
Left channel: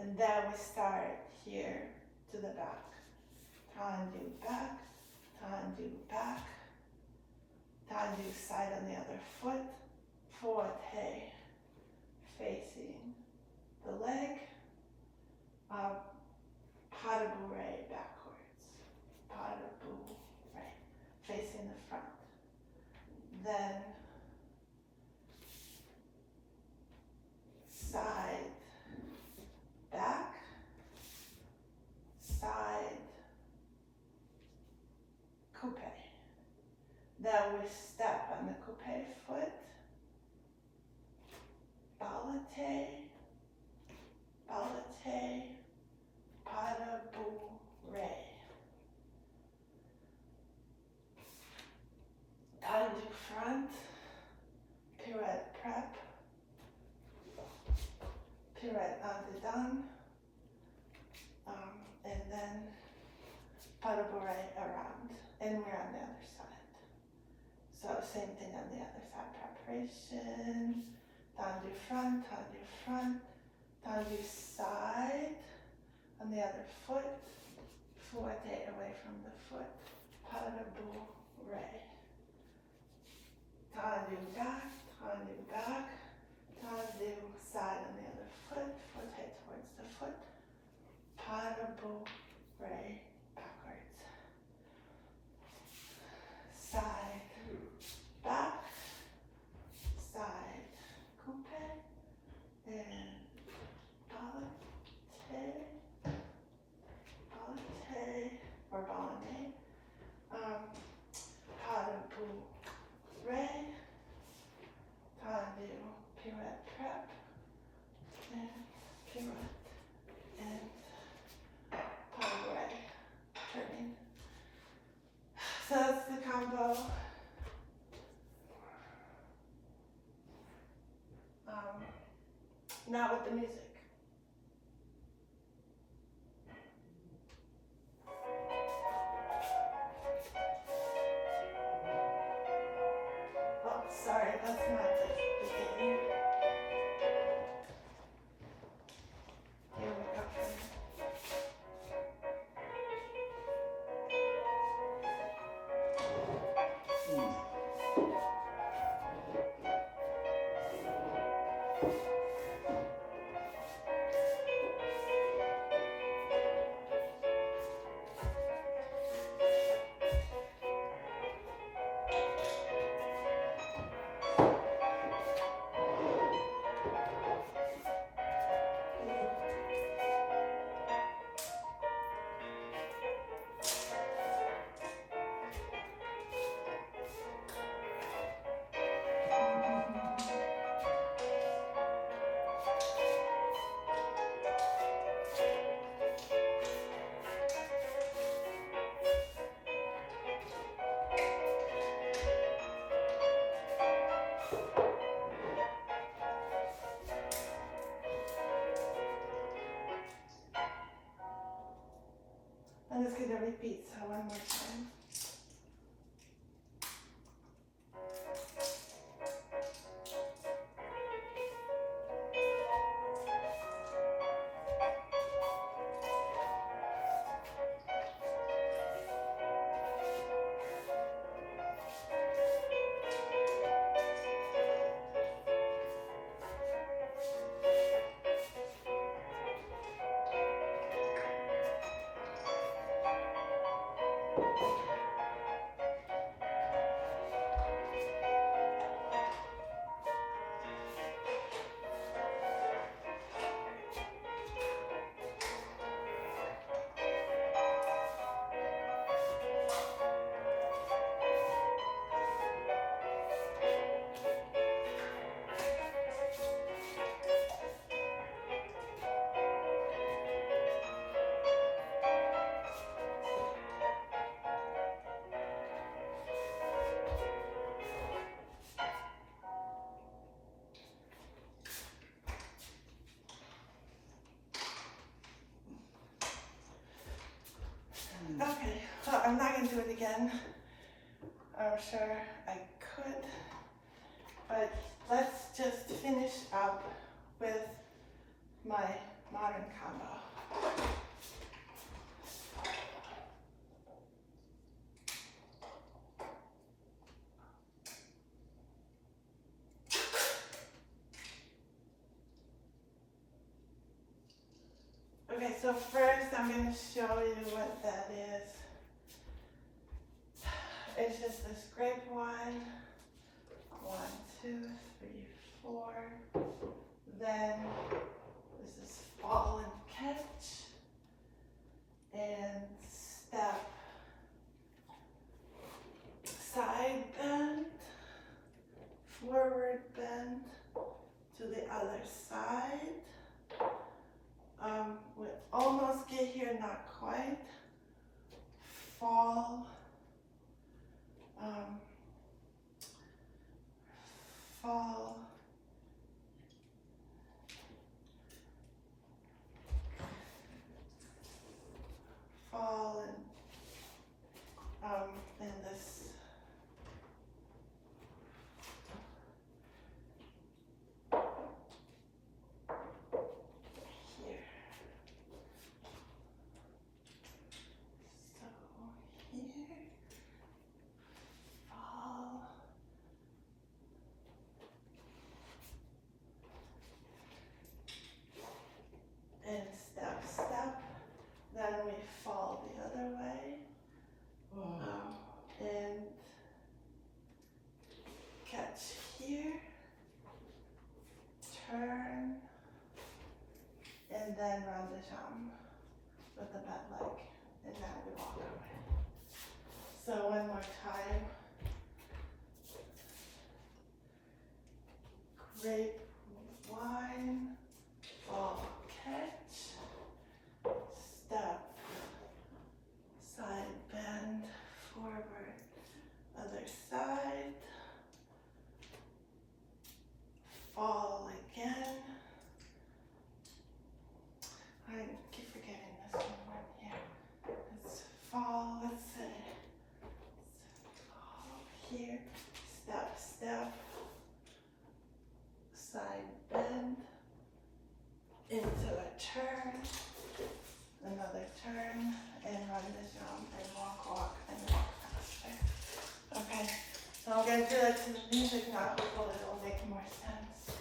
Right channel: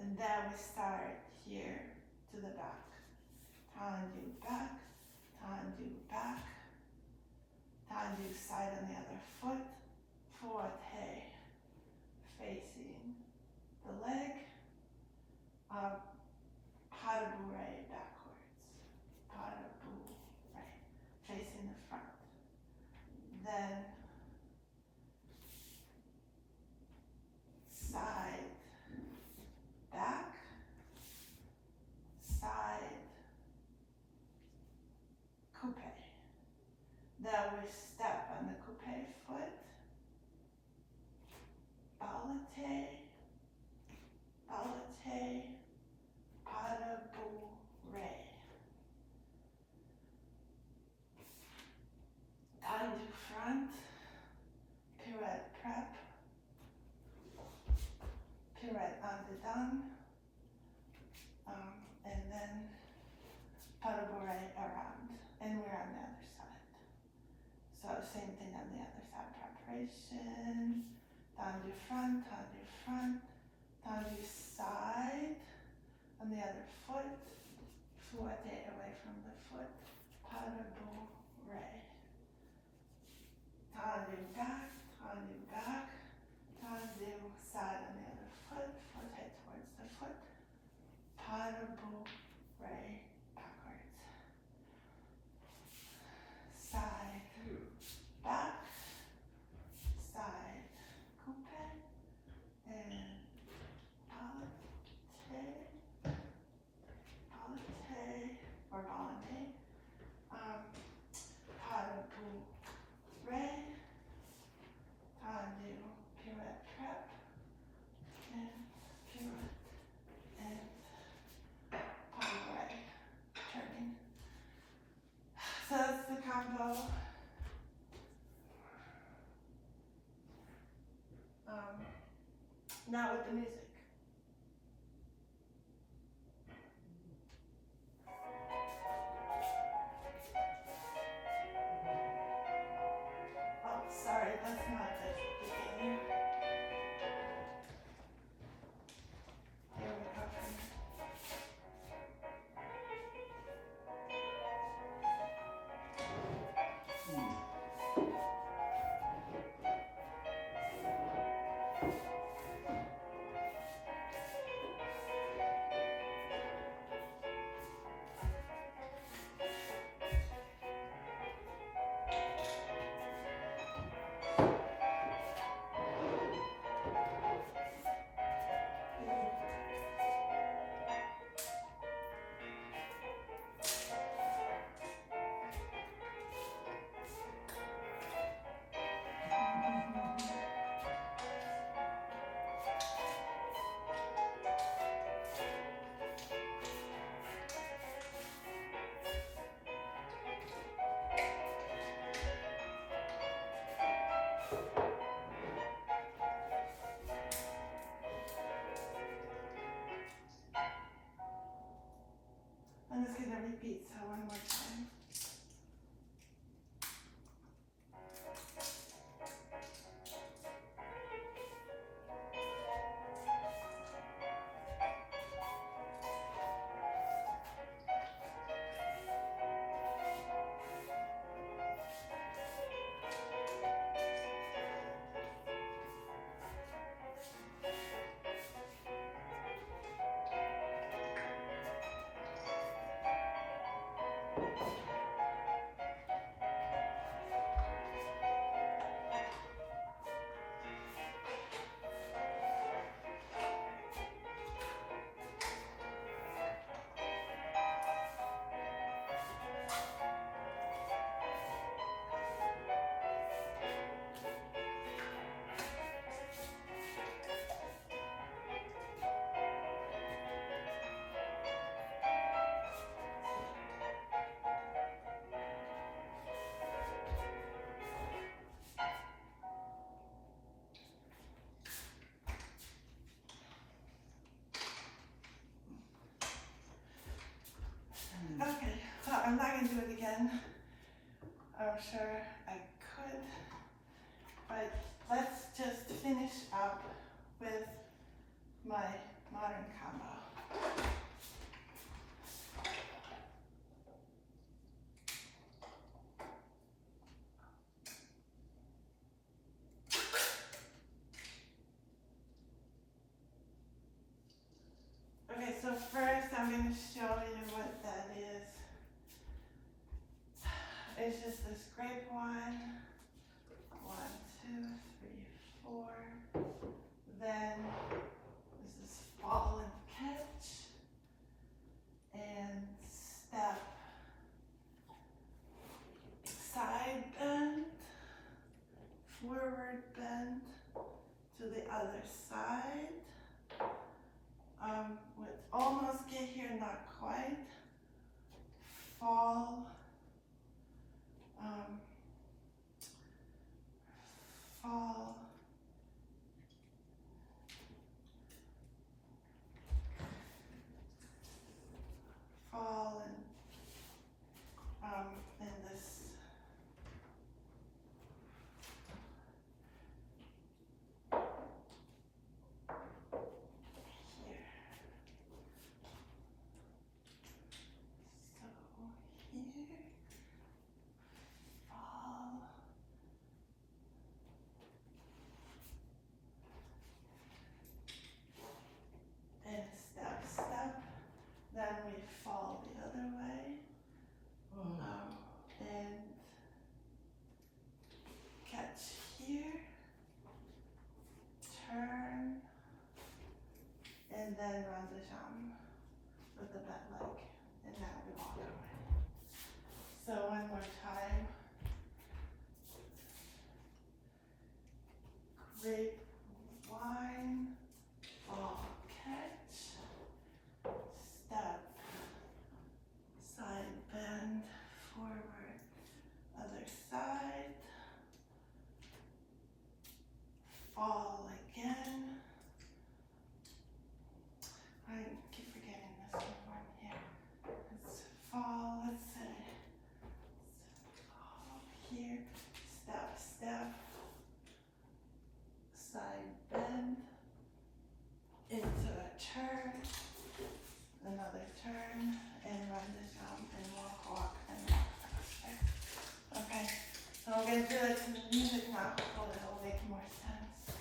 And then we start here to the back. Tendu back, tendu back, tendu side on the other foot, forte, facing the leg, pas de bourre backwards, pas de bourre, facing the front. Then side, back, side, coupe. Then we step on the coupe foot, ballet, ballet, pas de bourre. Tendu front, pirouette prep, pirouette en-dedans, and then pas de bourre around, and we're on the other side. So same thing on the other side, preparation, tendu front, tendu side, on the other foot, forte away from the foot, pas de bourre. Tendu back, tendu side on the other foot, foot head towards the foot, pas de bourre, backwards. Side, back, side, coupe, and ballet, or ballet, pas de bourre, tendu, pirouette prep, and pirouette, and pas de bourre, turning. So that's the combo. Now with the music. Oh, sorry, that's not the beginning. Here we go. I'm just going to repeat, so one more time. Okay, well, I'm not going to do it again. I'm sure I could, but let's just finish up with my modern combo. Okay, so first I'm going to show you what that is. It's just this grape one. 1, 2, 3, 4. Then this is fall and catch. And step. Side bend. Forward bend to the other side. We almost get here, not quite. Fall. Fall. Fall and this. And step, step. Then we fall the other way. And catch here. Turn. And then rond-de-jambe with the back leg. And then we walk away. So one more time. Grape wine. Fall. Catch, step, side bend, forward, other side, fall again. I keep forgetting this one here. It's fall, let's say, fall here, step, step, side bend, into a turn, another turn, and rond-de-jambe, and walk, walk, and walk faster. Okay, so I'm going to do that to the music now, so it'll make more sense.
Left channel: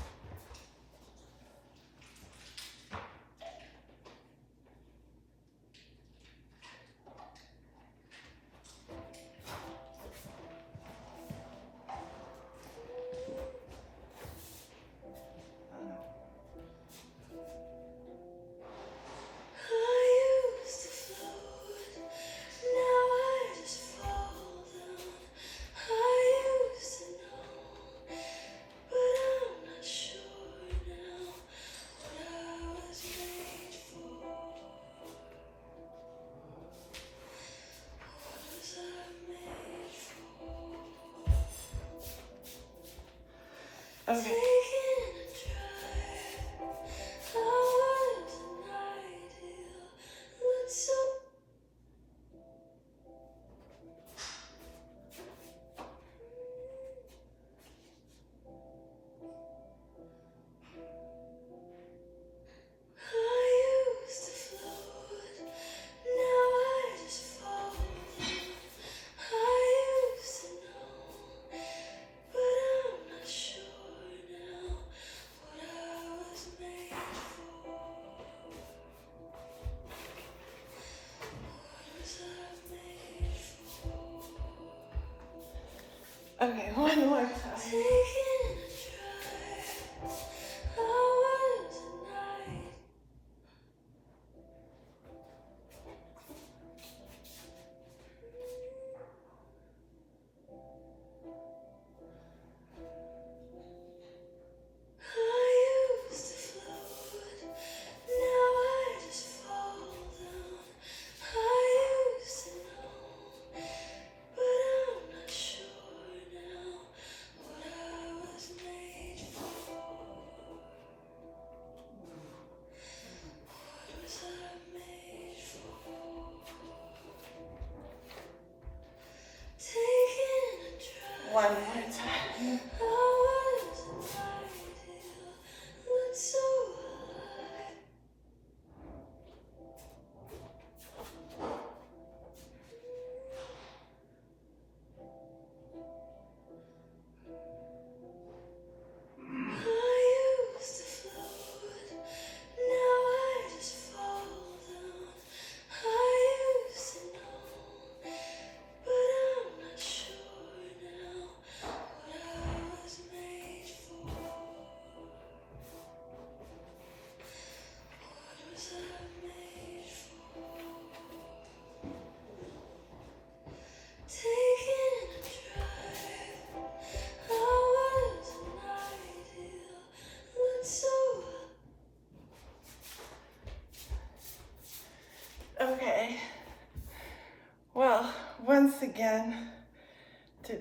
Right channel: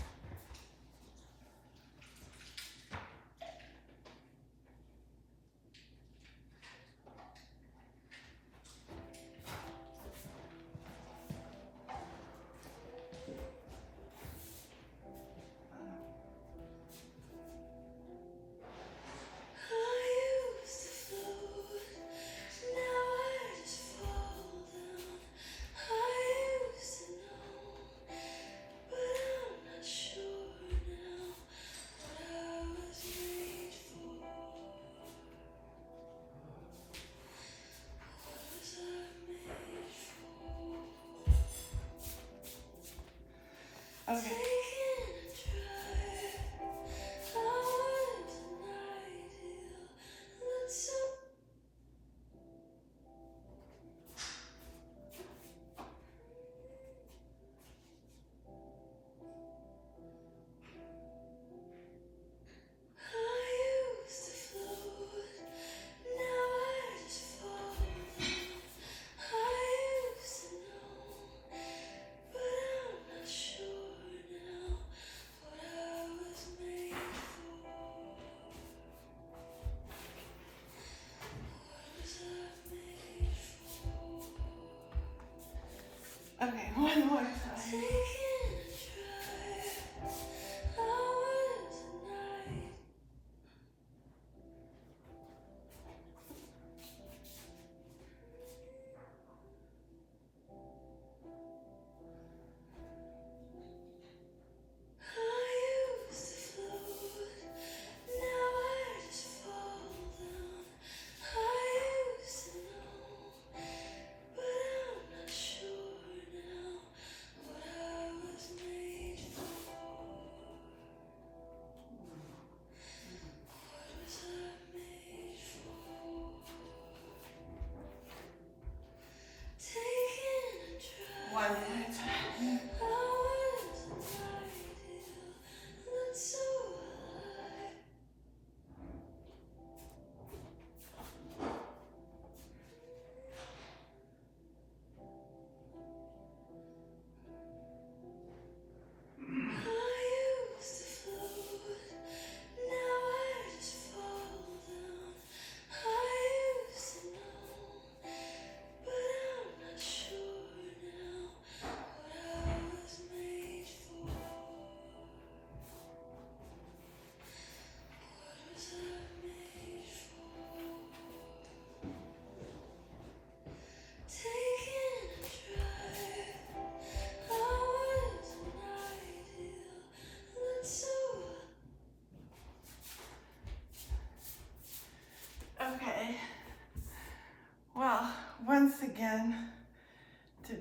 Okay. Okay, one more time.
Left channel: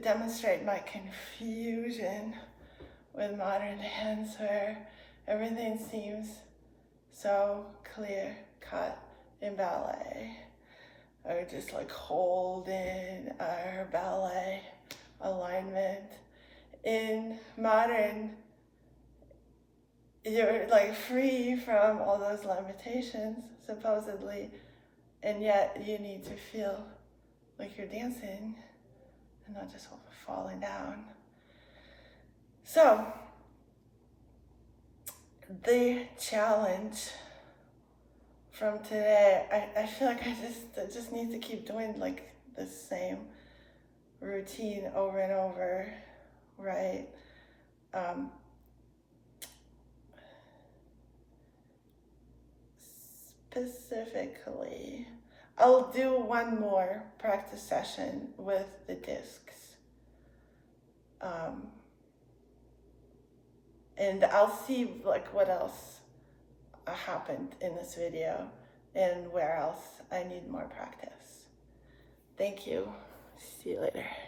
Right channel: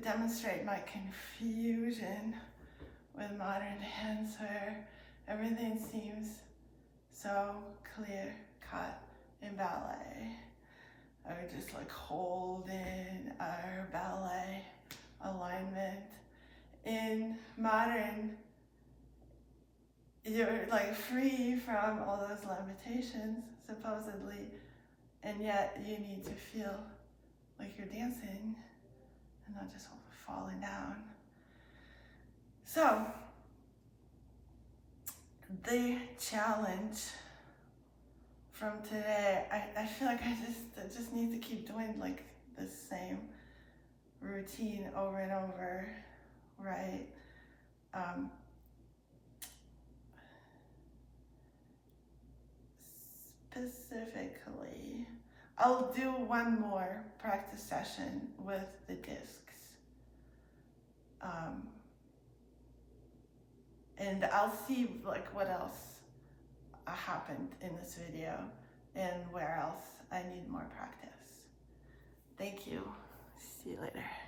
demonstrate my confusion with modern dance, where everything seems so clear cut in ballet. Or just like holding our ballet alignment. In modern, you're like free from all those limitations, supposedly, and yet you need to feel like you're dancing and not just falling down. So, the challenge from today, I feel like I just need to keep doing like the same routine over and over, right? Specifically, I'll do one more practice session with the discs. And I'll see like what else happened in this video and where else I need more practice. Thank you. See you later.